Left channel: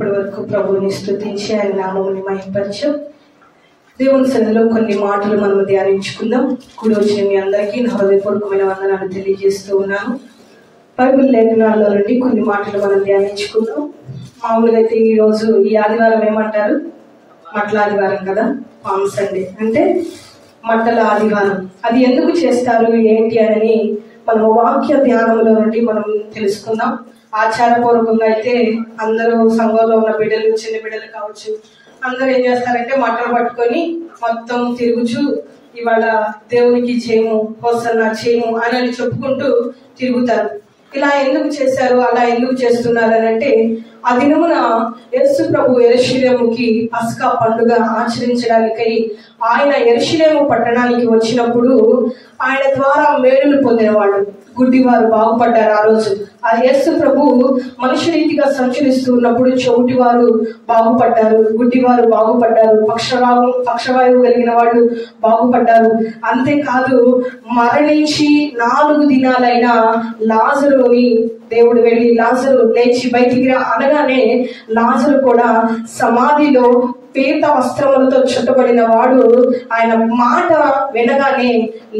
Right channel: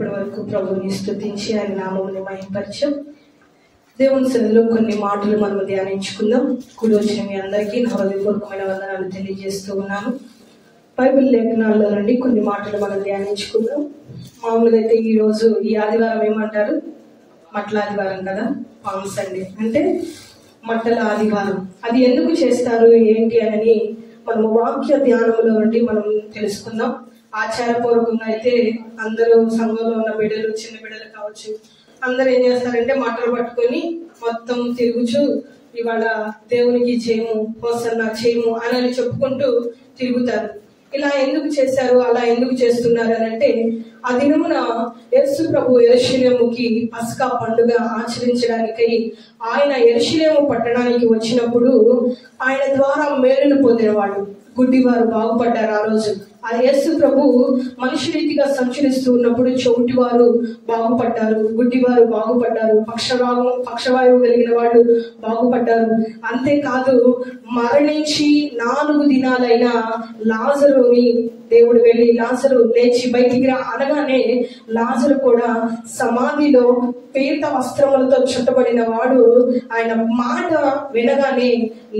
ఇప్పటి వరకు ప్రభువుని స్తుతించి ఆయన నామముని మహిమపరచు. దేవుని సన్నిధిలో కొన్ని మాటలు మనం ధ్యానించుకుందాం. కూడి వచ్చిన మీ అందరికీ నా హృదయపూర్వకమైన వందనాలు తెలియజేస్తూ ఉన్నాను. బైబిల్ లేఖనాల్లో నుండి కొన్ని మాటలు మనం ధ్యానించుకుందాం. మామూలుగా అయితే ఈరోజు ఈ ఆదివారం ఏమంటారు? మట్ల ఆదివారం కదా, పామ్ సండే అంటే మట్టల ఆదివారం. అది ఎందుకు చేస్తారు ఏంటి అని మనము వాక్య ధ్యానంలో నుండి మనం తెలుసుకుందాం. ఆచారపూర్వకంగా అయితే అందరూ సంఘంలో ఉన్న బిడ్డలు, చిన్న బిడ్డలు కావచ్చు, అందరూ ఏం చేస్తారంటే మట్టలు పట్టుకొని మొత్తం తిరుగుచు ఇవాళ దేవునికి చేయము, హోసన్నా చేయము అని చెప్పుకుంటూ తిరుగుతారు. ఇలా ఎందుకు చేశారు, అలా ఎందుకు చేస్తున్నారు అని అంటే, ఆ దినమున యేసు ప్రభు యెరూషలేముకి పస్కా పండుగ ఆచరించడానికై ఆయన యెరూషలేము పట్టణానికి వచ్చినప్పుడు ఆయన ద్వారా మేలులు పొందినవాళ్ళు, గుడ్డివారు బాగుపడ్డారు. ఆ రోజు ఆ యేసు ప్రభు మనుష్య రీతిగా సంచరిస్తూ ఉన్నప్పుడు చెవిటివారు బాగుపడ్డారు, గుడ్డివారు బాగుపడ్డారు, పక్షవాయువు కలిగిన వాళ్ళు బాగుపడ్డారు. అంతేకాదు మరణించి 4 దినాలైన లాజరుని దేవుడు వెళ్ళి లాజరు లేచి బయటికి అనగానే లాజరు కూడా సమాధిలో పీత వస్త్రములతో చుట్టబడిన వాడు ఆయన మాట వినగానే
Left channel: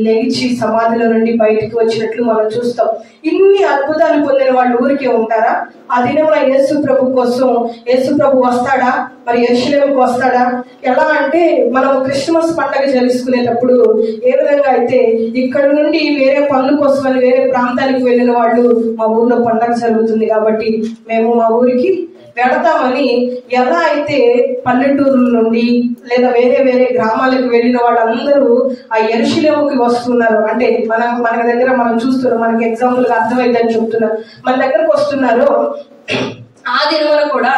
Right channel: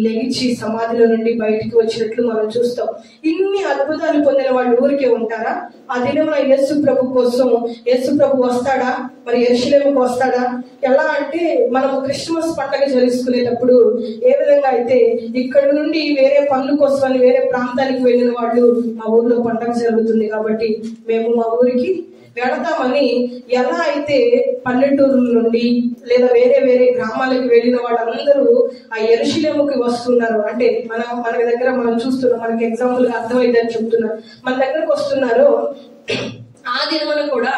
లేచి సమాధిలో నుండి బయటికి వచ్చినట్లు మనం చూస్తాం. ఇన్ని అద్భుతాలు పొందిన వాళ్ళు ఊరికే ఉంటారా? ఆ దినంలో యేసు ప్రభు కోసం యేసు ప్రభు వస్తాడా? మరి యెరూషలేముకు వస్తాడా? ఎలా అంటే మనం క్రిస్మస్ పండుగ జరుపుకునేటప్పుడు ఏ విధంగా అయితే ఇక్కడ నుండి వేరే పనుల కోసం వేరే ప్రాంతానికి వెళ్ళిన వాళ్ళు మా ఊర్లో పండుగ జరుగుతుంది కాబట్టి మేము మా ఊరికి వెళతామని, ఎలా అయితే పల్లెటూరుల నుండి లేదా వేరే వేరే గ్రామాలకు వెళ్ళిన వాళ్ళందరూ ఆ యెరూషలేముకి వస్తున్నారు. అంటే మన దగ్గర మనం చూస్తున్నాం, మనకి ఎగ్జాంపుల్ గా అర్థమైందని చెప్తున్నారు, మన దగ్గరకు వస్తున్నారు. ఆ దినమున కూడా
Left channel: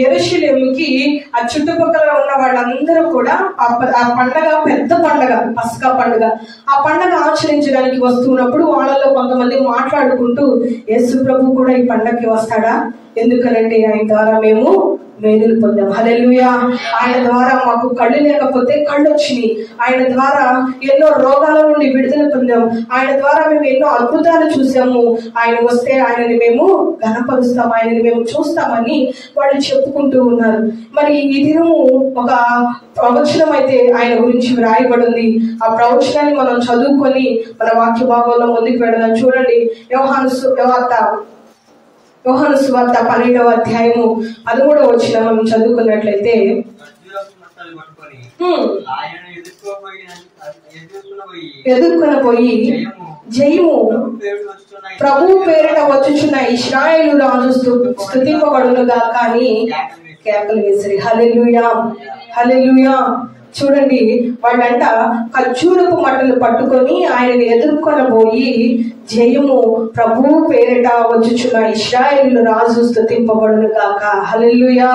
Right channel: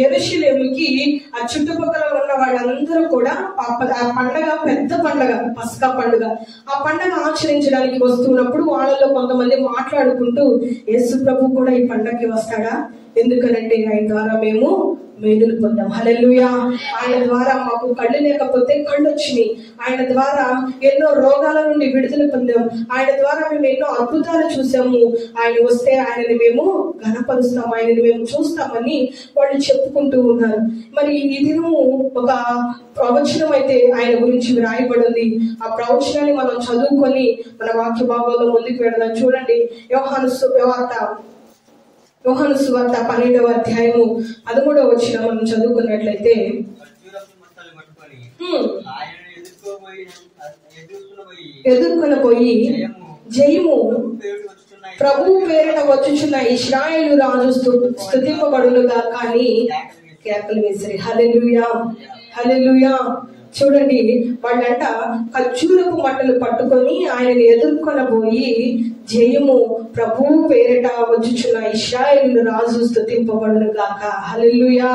యెరూషలేముకి ఆ చుట్టుపక్కల ఉన్న వాళ్ళందరూ కూడా ఆ పండగ, పెద్ద పండగ, పస్కా పండుగ, ఆ పండగ ఆచరించడానికి వస్తున్నప్పుడు వాళ్ళలో కొంతమంది మాట్లాడుకుంటూ యేసు ప్రభు కూడా ఈ పండగకి వస్తాడా? ఎందుకనంటే ఆయన ద్వారా మేము మేలులు పొందాం. హల్లెలూయా. ఆయన ద్వారా మాకు కళ్ళు లేకపోతే కళ్ళు వచ్చినాయి. ఆయన ద్వారా ఎన్నో రోగాల నుండి విడుదల పొందాం. ఆయన ద్వారా మేము ఎన్నో అద్భుతాలు చూసాము. ఆయన వస్తే ఆయనని మేము ఘనపరుస్తాం, ఆయనని మేము చూస్తామని వాళ్ళు చెప్పుకుంటూ ఉన్నారు. మరి ఈ దినము ఒక ప్రవచనం అయితే ఆయన గురించి వ్రాయబడింది. ఆ ప్రవచనాన్ని మనం చదువుకొని మన వాక్య భాగంలో ముందుకు వెళదాం. చూడండి, యోహాను సువార్త 12వ అధ్యాయము 13వ వచనం మనం చదువుకున్నట్లయితే, ఎదుర్కొని పోయి జయము ప్రభు పేరిట వచ్చుచున్న ఇశ్రాయేలు రాజు స్తుతింపబడును గాక అని కేకలు వేసిరి. హల్లెలూయా, హల్లెలూయా. చూడండి, వాళ్ళంట ఖర్జూరపు మట్టలు పట్టుకొని ఆయనని ఎదుర్కొనబోయి జయము ప్రభు పేరిట వచ్చుచున్న ఇశ్రాయేలు రాజు స్తుతింపబడును గాక. హల్లెలూయా,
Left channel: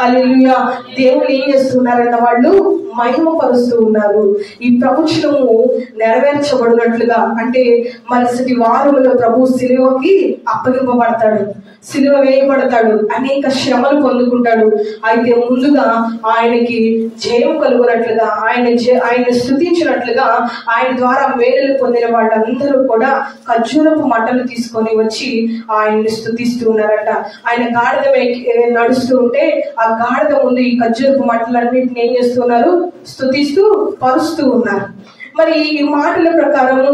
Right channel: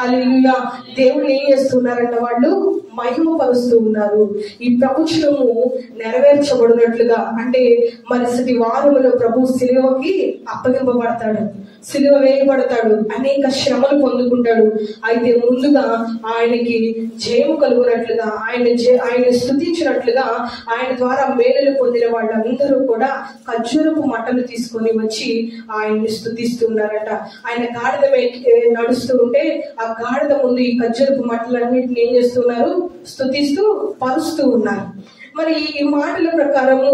హల్లెలూయా. దేవుళ్ళు ఏం చేస్తున్నారంట? వాళ్ళు మహిమపరుస్తూ ఉన్నారు. ఈ ప్రవచనము నెరవేర్చబడినట్లుగా, అంటే మరుసటి వారములో ప్రభు సిలువకి అప్పగింపబడతాడు, సిలువ వేయబడతాడు, అనేక శ్రమలు పొందుకుంటాడు. అయితే ముందుగా ఆయనకి జయం కలుగునట్లుగా, ఆయన స్తుతించినట్లుగా, ఆయన ద్వారా మేలులు పొందిన వాళ్ళందరూ కూడా ఖర్జూరపు మట్టలు తీసుకొని వచ్చి ఆయన్ని స్తుతిస్తూ ఉన్నారట. ఆయన గాడిద నడుస్తూ ఉంటే ఆ గాడిద ముందు ఈ ఖర్జూరపు మట్టలన్నింటినీ ఏం చేస్తున్నారు? స్తుతిస్తూ పరుస్తూ ఉన్నారు. మరి ఈ మాటల ప్రకారము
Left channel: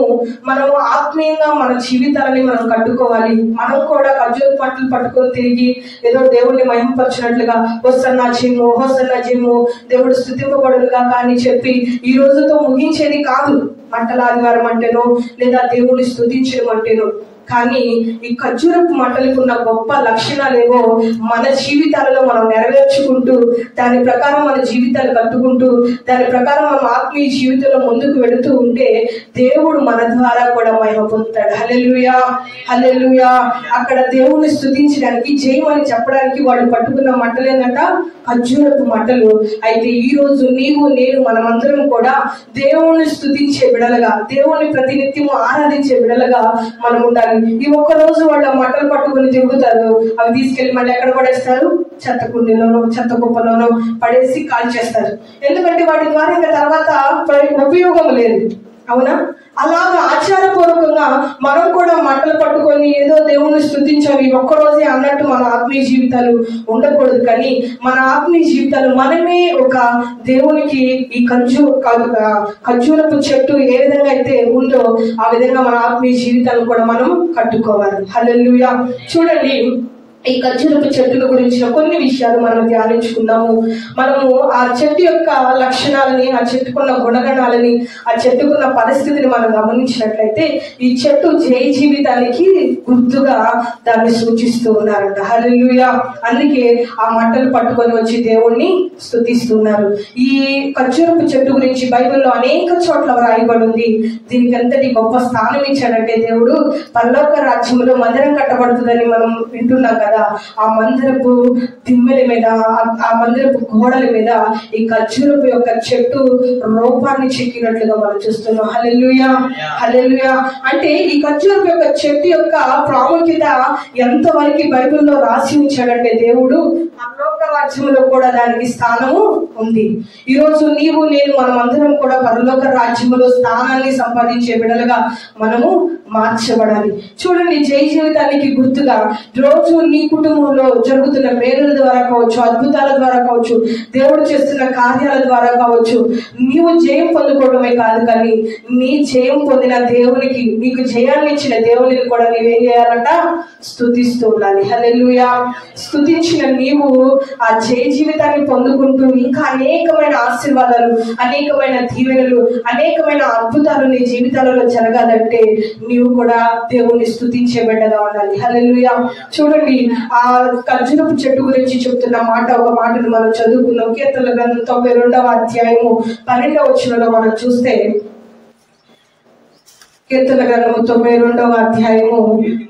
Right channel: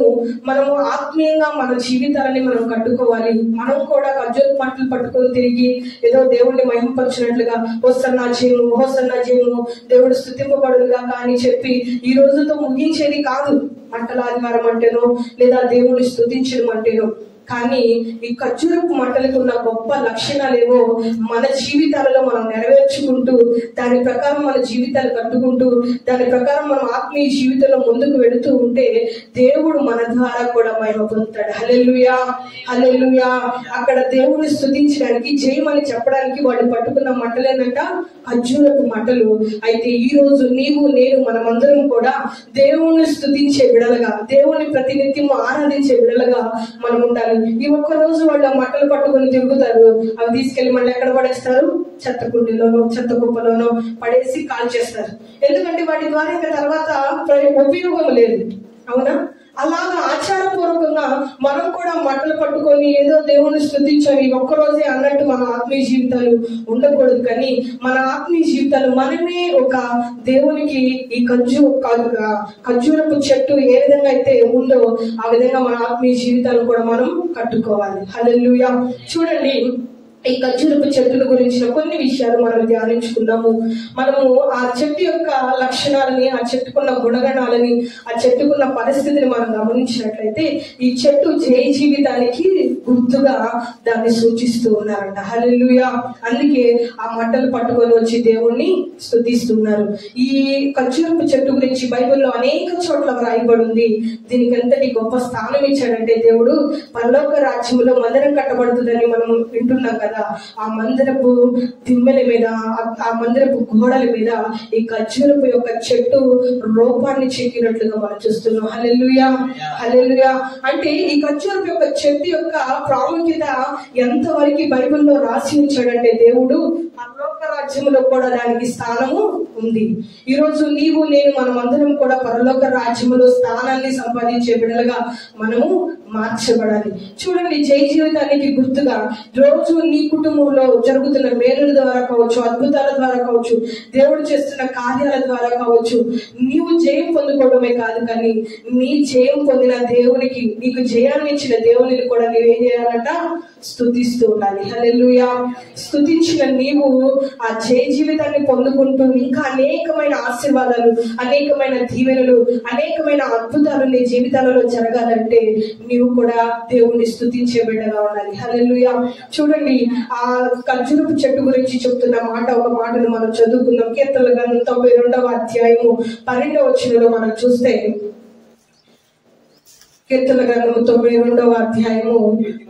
మనం ఆత్మీయంగా మన జీవితాలని మనం కట్టుకోవాలి. మనం కూడా ఖర్జూరపు మట్టలు పట్టుకొని తిరిగి ఏదో దేవుడిని మహిమపరచినట్లుగా హోసన్నా జయము, హోసన్నా జయము, దేవుడు స్తుతింపబడునుగా అని చెప్పి ఈ రోజుతో ముగించేది కాదు. మట్టల ఆదివారం అంటేనో లేదా దేవుడిని స్తుతించడం అంటేనో. కానీ ఈ ఖర్జూరపు మట్టలకు ఉన్న గొప్ప లక్షణాలేవో మన జీవితాలలో మనం నెరవేర్చుకుంటూ, దాని ప్రకారం మన జీవితాలు కట్టుకుంటూ, దాని ప్రకారం మనం ఆత్మీయ జీవితంలో ముందుకు వెళుతూ ఉంటే దేవుడు మన ద్వారా కూడా మహిమ పొందుతాడు. హల్లెలూయా, హల్లెలూయా. అక్కడ దేవుణ్ణి స్తుతించడానికి, జయమని చెప్పడానికి వాళ్ళు పట్టుకున్న మట్టలు ఏంటంట? ఖర్జూరపు మట్టలు. అయితే ఈ రోజు నీవు నేను మనమందరం కూడా దేవుణ్ణి స్తుతించే బిడలుగా, దేవుణ్ణి ప్రతినిత్యము ఆరాధించే బిడలుగా మనం ఉండాలి. ఈ ఒక్క రోజు వాళ్ళు ఆ మట్టలు పట్టుకొని తిరుగుతారు, అవి తీసుకెళ్లి మళ్ళీ ఎక్కడ పడేస్తారు? చెత్త కుండీలోనో చెత్త కుప్పలోనో పడేసి కాల్ చేస్తారు. ఎందుకంటే వాటి ద్వారా ఇంకా తర్వాత ఉపయోగం లేదు. అవునా? అలాగా ఆచారపూర్వకంగా మనం కూడా మంటలు పట్టుకొని ఏదో దేవుణ్ణి స్తుతించాలి ఒక్కరోజే అన్నట్టు మన ఆత్మీయ జీవితాలు ఉండకూడదు. కానీ మన ఆత్మీయ జీవితాలు మనమే ఒక దేవునికి ఈ ఖర్జూరపు చెట్టు ఏ విధంగా అయితే ఉందో ఆ విధంగా మన ఆత్మీయ జీవితాలను కూడా మనం కట్టుకోవాలి. హల్లెలూయా. చూడండి, ఈ ఖర్జూరపు చెట్టుల గురించిన కొన్ని విషయాలు మనం ధ్యానించుకుందాము. మనము ఆ చెట్టు యొక్క లక్షణాలని, ఆ చెట్టుకున్న గుణగణాలని, ఆ చెట్టుకున్న పరిస్థితిని మనం గమనించినట్లయితే ఈ చెట్టు జయ జీవితానికి గుర్తుగా దాన్ని సూచిస్తూ ఉన్నారంట. హల్లెలూయా. అందుకే ఆ మంటలు పట్టుకొని వచ్చి దేవుణ్ణి స్తుతిస్తున్నారు. ఈ ఖర్జూరపు చెట్టు గురించి బైబిల్లో అనేక చోట్ల వ్రాయబడి ఉంది. దీనికి ఎంతటి గొప్ప స్థానం ఇచ్చాడంటే దేవుడు పరలోక రాజ్యంలో మందిరం కట్టబడుతుందని మనం వింటున్నాం కదా. ఆ మందిరపు దిమ్మెల మీద, ఆ మందిరపు గోడల మీద ఈ ఖర్జూరపు యొక్క చెట్టు రూపాన్ని చెక్కినట్లుగా మనం చూస్తున్నాం. హల్లెలూయా, హల్లెలూయా. అంటే ఈ ఖర్జూరపు యొక్క చెట్టు యొక్క ప్రాముఖ్యత ఎంతవరకు బైబిల్లో రాసి ఉంచాడంటే దేవుడు పరలోక రాజ్యంలో కూడా దానికి స్థానము ఉంది. ఈ రోజు నీవు నేను మనమందరం కూడా పరలోక రాజ్యంలో స్థానాన్ని సంపాదించే బిడ్డలుగా మనము మార్చబడాలి. చూడండి, జయ జీవితానికి గుర్తుగా రోజు నీ కుటుంబంలో జరుగుతున్న మేలుల ద్వారా కావచ్చు, అద్భుతాల ద్వారా కావచ్చు, దేవుడు చేస్తున్న కార్యాల ద్వారా కావచ్చు, నీవు జయం పొందుకోవడమే కాదు, కానీ నీ జయం పొందిన దేవునికి, నీకు జయాన్ని ఇచ్చిన దేవునికి కూడా నీవేం చేయాలంట? స్తుతిస్తూ ఉండాలి. హల్లెలూయా. స్తుతించిన నీవు ఆ జయ జీవితాన్ని పొందుకుంటూ ఇంకా అనేకమైన ఆశీర్వాదాలు, అనేకమైన దీవెనలు, అనేకమైన అద్భుతాలు నీ జీవితాలలో జరగాలంటే నీవు కూడా దేవుణ్ణి స్తుతించే బిడ్డగా ఉండాలి. హల్లెలూయా. చూడండి, ఆ ఖర్జూరపు చెట్టు గురించి చెప్తున్న ఒక మాటను మనం చదువుకున్నాం. కీర్తనల గ్రంథం 92వ అధ్యాయము 12వ వచనంలో మనం చూస్తే, కీర్తనల గ్రంథము 92వ అధ్యాయము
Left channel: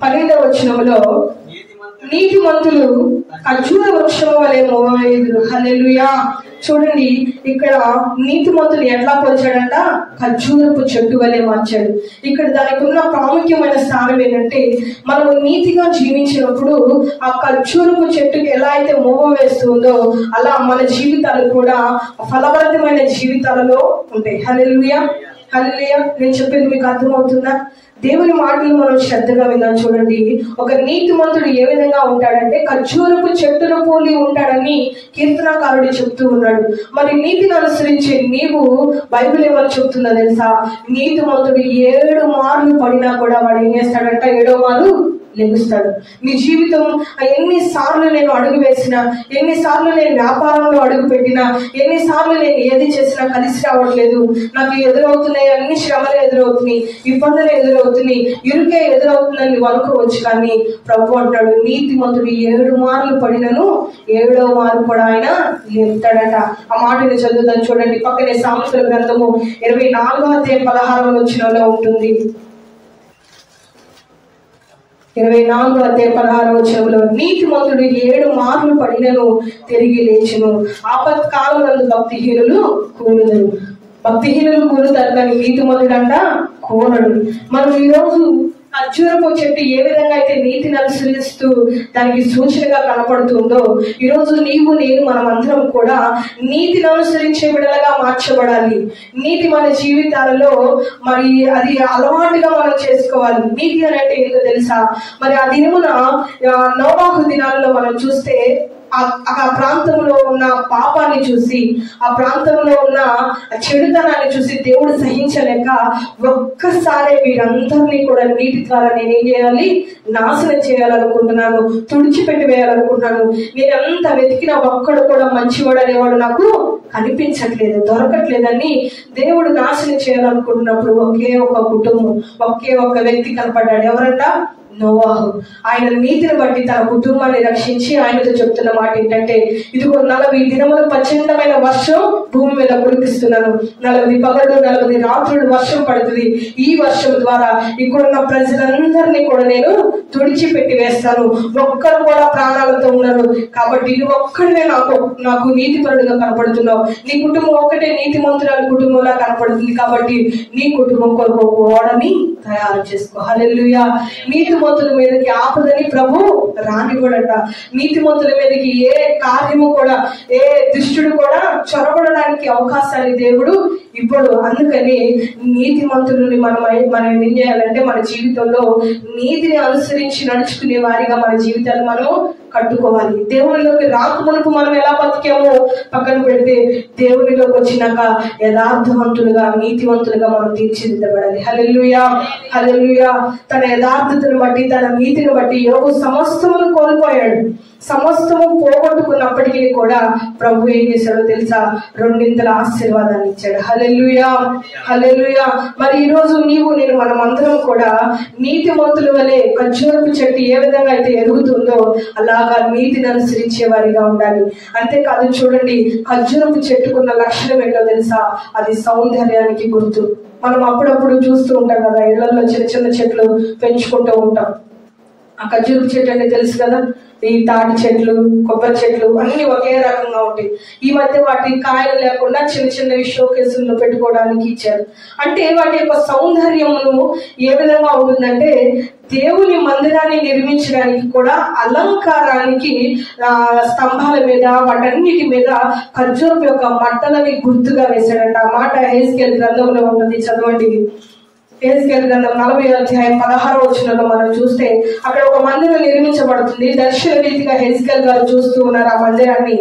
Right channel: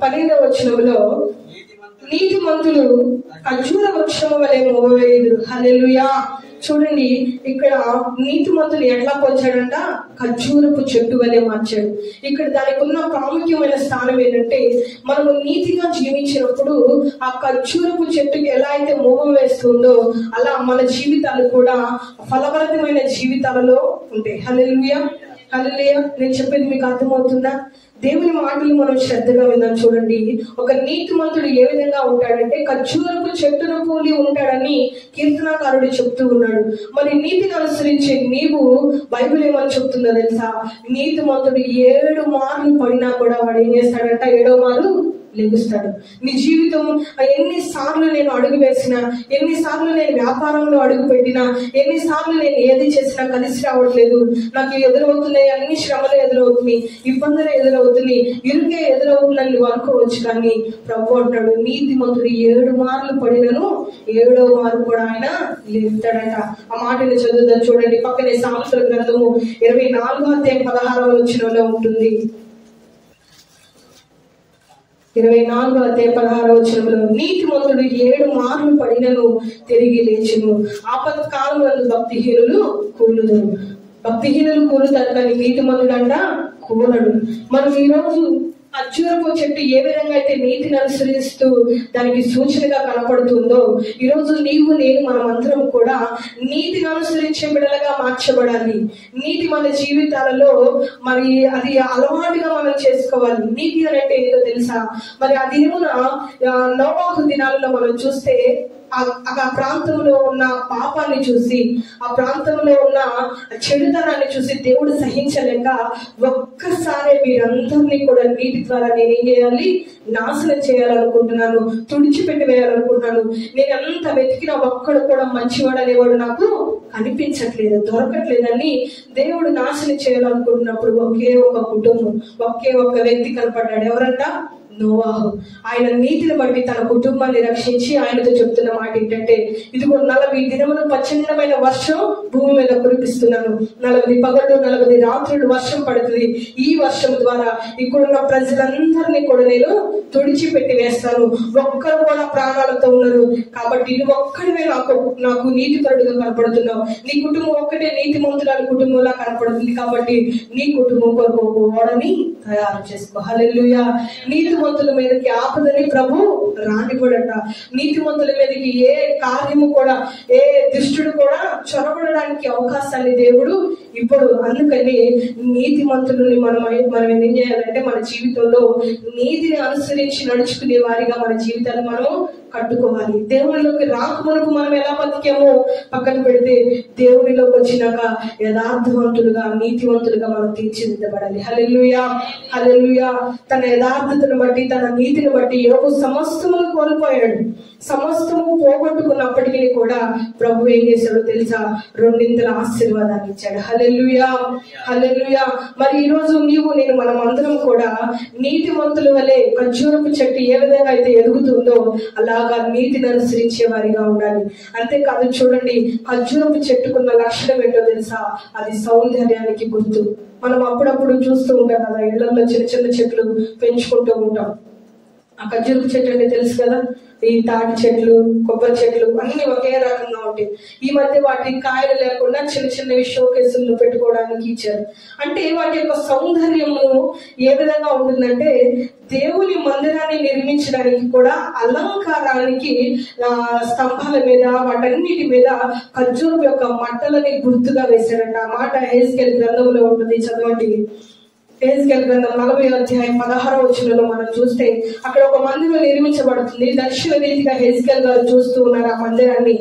12వ వచనంలో, నీతిమంతులు ఖర్జూర వృక్షం వలె మోవేయుదురు. హల్లెలూయా. చూడండి, ఇక్కడ నీతిమంతులు ఎట్లా పోల్చాడంట? ఖర్జూరపు చెట్టు వలె మార్చాడు. ఇక్కడ దానికి ఉన్న ప్రాముఖ్యమైన స్థానం ఏంటంటే, మనము నీతిగా జీవించినప్పుడు ఆ ఖర్జూరపు చెట్టుకి ఎలా అయితే మోవ వేస్తుందో అలా మన జీవితాలు కూడా ఫలభరితమైన జీవితాలలో ఉంటాయి. హల్లెలూయా, హల్లెలూయా. నేను చెప్పేది మీకు అర్థమవుతుందా? దేవుని మాటలు మనం శ్రద్ధగా విందాం. చూడండి, ఒక నీతిమంతుడు ఏ విధంగా ఉంటాడంటే ఖర్జూరపు చెట్టును పోలి ఉంటాడని కీర్తనాకారుడు చెప్తూ ఉన్నాడు. మరి నీతిని అనుసరించే నీవు, బైబిల్ ఏమని చెప్తుందో తెలుసా? నీతిమంతుడు 7 మార్లు పడినా కూడా వాడు ఏం చేస్తాడంట? 7వ మారు లెగుస్తాడు. నీ జీవితం ఎన్నిసార్లు నేను అడుగు వేసినా, ఎన్నిసార్లు నేను వ్యాపారంలో అడుగు పెట్టినా, ఎన్నిసార్లు నేను ఏది చేసినా కలిసి రావట్లేదు, నాకు ఎదురవుతున్నాయి, అన్ని శ్రమలు ఎదురవుతున్నాయి, ఇబ్బందులు ఎదురవుతున్నాయి, ఇరుకే ఎదురవుతుందని నువ్వు అనుకోవచ్చు. కానీ ప్రభు అంటాడు, నీతిమంతుడు 7 మార్లు పడినను 7వ మారు కూడా ఆయన లేపుతాడట. ఆ మాటని చదువుతాను చూడండి. పక్కనే సామెతల గ్రంథము 24వ అధ్యాయం 16వ వచనంలో ఉంటుంది. 24వ అధ్యాయం 16వ వచనంలో, నీతిమంతుడు 7 మార్లు పడినను తిరిగి లేచును, ఆపత్కాలమందు భక్తిహీనులు కూలుదురు. భక్తిహీనులు కూలుతారు కానీ నీతిమంతుడు అంట కూలడు. మనం ఈరోజు ఖర్జూరపు చెట్టు ఏ విధంగా అయితే నీతిని అనుసరిస్తూ దానికి సూచనగా కనపడుతుందో, ఈరోజు నీవు నేను మనమందరం కూడా నీతిని అనుసరించే బిడ్డలుగా మార్చబడాలి. నీతి మన జీవితాలలో మరి అది అలవాటుగా మనం చేసుకోవాలి. నీతి అంటే ఏదో తెలుసా? మరి ఆ దినమున నోవాహు దినాలలో మనం చూస్తే ఆ ప్రాంతంలో ఉన్న పాపాన్ని చూసి, ఆ ప్రాంతంలో ఉన్న చెడుతనాన్ని చూసి దేవుడు సహించలేక ఒక్కసారి వీరందరినీ కూడా నీటి ద్వారా నేనేం చేయాలి? నాశనం చేయాలనుకుంటున్నాను, తుడిచిపెట్టి వేయాలనుకుంటున్నాను. నేను ఎంత వెతికినా ఒక్కడు కూడా మంచివాడు అనేవాడు నాకు కనిపించట్లేదు, దొరకట్లేదని దేవుడు నాశనం చేయాలనుకుంటున్నప్పుడు ఒకే ఒక కుటుంబం, ఒకే ఒక వ్యక్తి కనపడ్డాడు. ఎవరంట? నోవాహు. ఆయన నీతిని బట్టి తన కుటుంబాన్ని రక్షించి ఆయనతో చెప్తున్న మాట ఏంటంటే, ఇదిగో 40 దినములు ప్రచండమైన వర్షం భూమి మీద కురిపిస్తున్నాను, 40 పగళ్ళు 40 రాత్రులు వర్షం పడుతుంది. ఈ వర్షం ద్వారా ఇక్కడున్న ప్రజలందరినీ కూడా నేను తుడిచిపెట్టి వేస్తాను, ఒక్కరు కూడా ప్రాణాలతో ఉన్నారు. కాబట్టి నువ్వు ఒక్కడినే నాకు నీతిపరుడుగా కనపడుతున్నావు. నీ కుటుంబం ఒక్కటే నీతిమంతురాలి కుటుంబంలా కనపడుతుంది. కాబట్టి నీ కుటుంబం కొరకు ఓడని తయారు చేసుకో. హల్లెలూయా. నీతిమంతుడు నీతిమంతుల మీదకి ఆపదని ప్రభు రానివ్వడట. నీతిమంతుల మీదకి ఏ కార్యము కూడా, ఏ దుష్టుడు కూడా చొరబడడానికి అవకాశాన్ని దేవుడు ఇప్పుడు. అందుకని నీతిమంతులని మనం ఏం చేయాలంటే మన జీవితంలో నీతిని అనుసరించి నడుచుకునే వారిగా మన జీవితాలు మనము కట్టుకోవాలి. దేవునిలోకి రాకమునుపు మనం ఎలా బతికామో పక్కన పెడితే దేవునిలోకి వచ్చినాక యథార్థవంతులుగా, నీతివంతులుగా మనం తీర్చిదిద్దబడాలి. హల్లెలూయా, హల్లెలూయా. తన యథార్థతను బట్టి, తన నీతిని బట్టి యోబు సమస్తమును కోల్పోయాడు. సమస్తము పోగొట్టుకున్నప్పటికీ కూడా ప్రభు ఏం చేశాడో తెలుసా? రెండింతల ఆశీర్వాదాన్ని ఇచ్చాడు. హల్లెలూయా, హల్లెలూయా. మరి ఈ రోజు నీవు నేను మనం అందరం కూడా నీతిమంతుల వలె ఖర్జూరపు చెట్టు ఏ విధంగా అయితే ఎదుగుతుందో అలాగా నీతిని అనుసరించే వారిగా ఉండాలి. అంతేకాదు, చూడండి, ఖర్జూరపు చెట్టుకున్న లక్షణం ఏంటో తెలుసా? అది సౌందర్యానికి గుర్తు. మనం అప్పుడప్పుడు చూస్తూ ఉంటాం కదా, ఇళ్లలో చిన్న చిన్న చెట్లు పెంచుకుంటూ ఉంటాం. ఆ ఖర్జూరపు చెట్టు అంటే తెలుసు కదా, ఈ తాటి చెట్లు, కొబ్బరి చెట్లు అన్ని ఒకే రకంగా ఉంటాయి. ఈ మధ్య వాటి కాయలు లేకుండా చిన్న చిన్నవి షో కేసుల్లో పెట్టుకోవడానికి ఇచ్చారు. అంటే వాటి యొక్క సౌందర్యమును ఏ విధంగా ఉంటుందంటే, దేవుని మందిరాన్ని నిర్మించడానికి కూడా అలంకారానికి స్తంభాల మీద, వాటన్నిటి మీద ఖర్జూరపు యొక్క మట్టలని గుర్తుగా వేశాడంట. ఆ మాట హెజ్కేలు గ్రంథంలో ఉంటుంది, చదవండి. హెజ్కేలు గ్రంథం 40:16 మనం చూస్తే అక్కడ ఒక మందిరం నిర్మించబడుతుంది. దర్శన రీతిగా హెజ్కేలు గారు చూస్తూ ఉన్నారు ఆ మందిరాన్ని.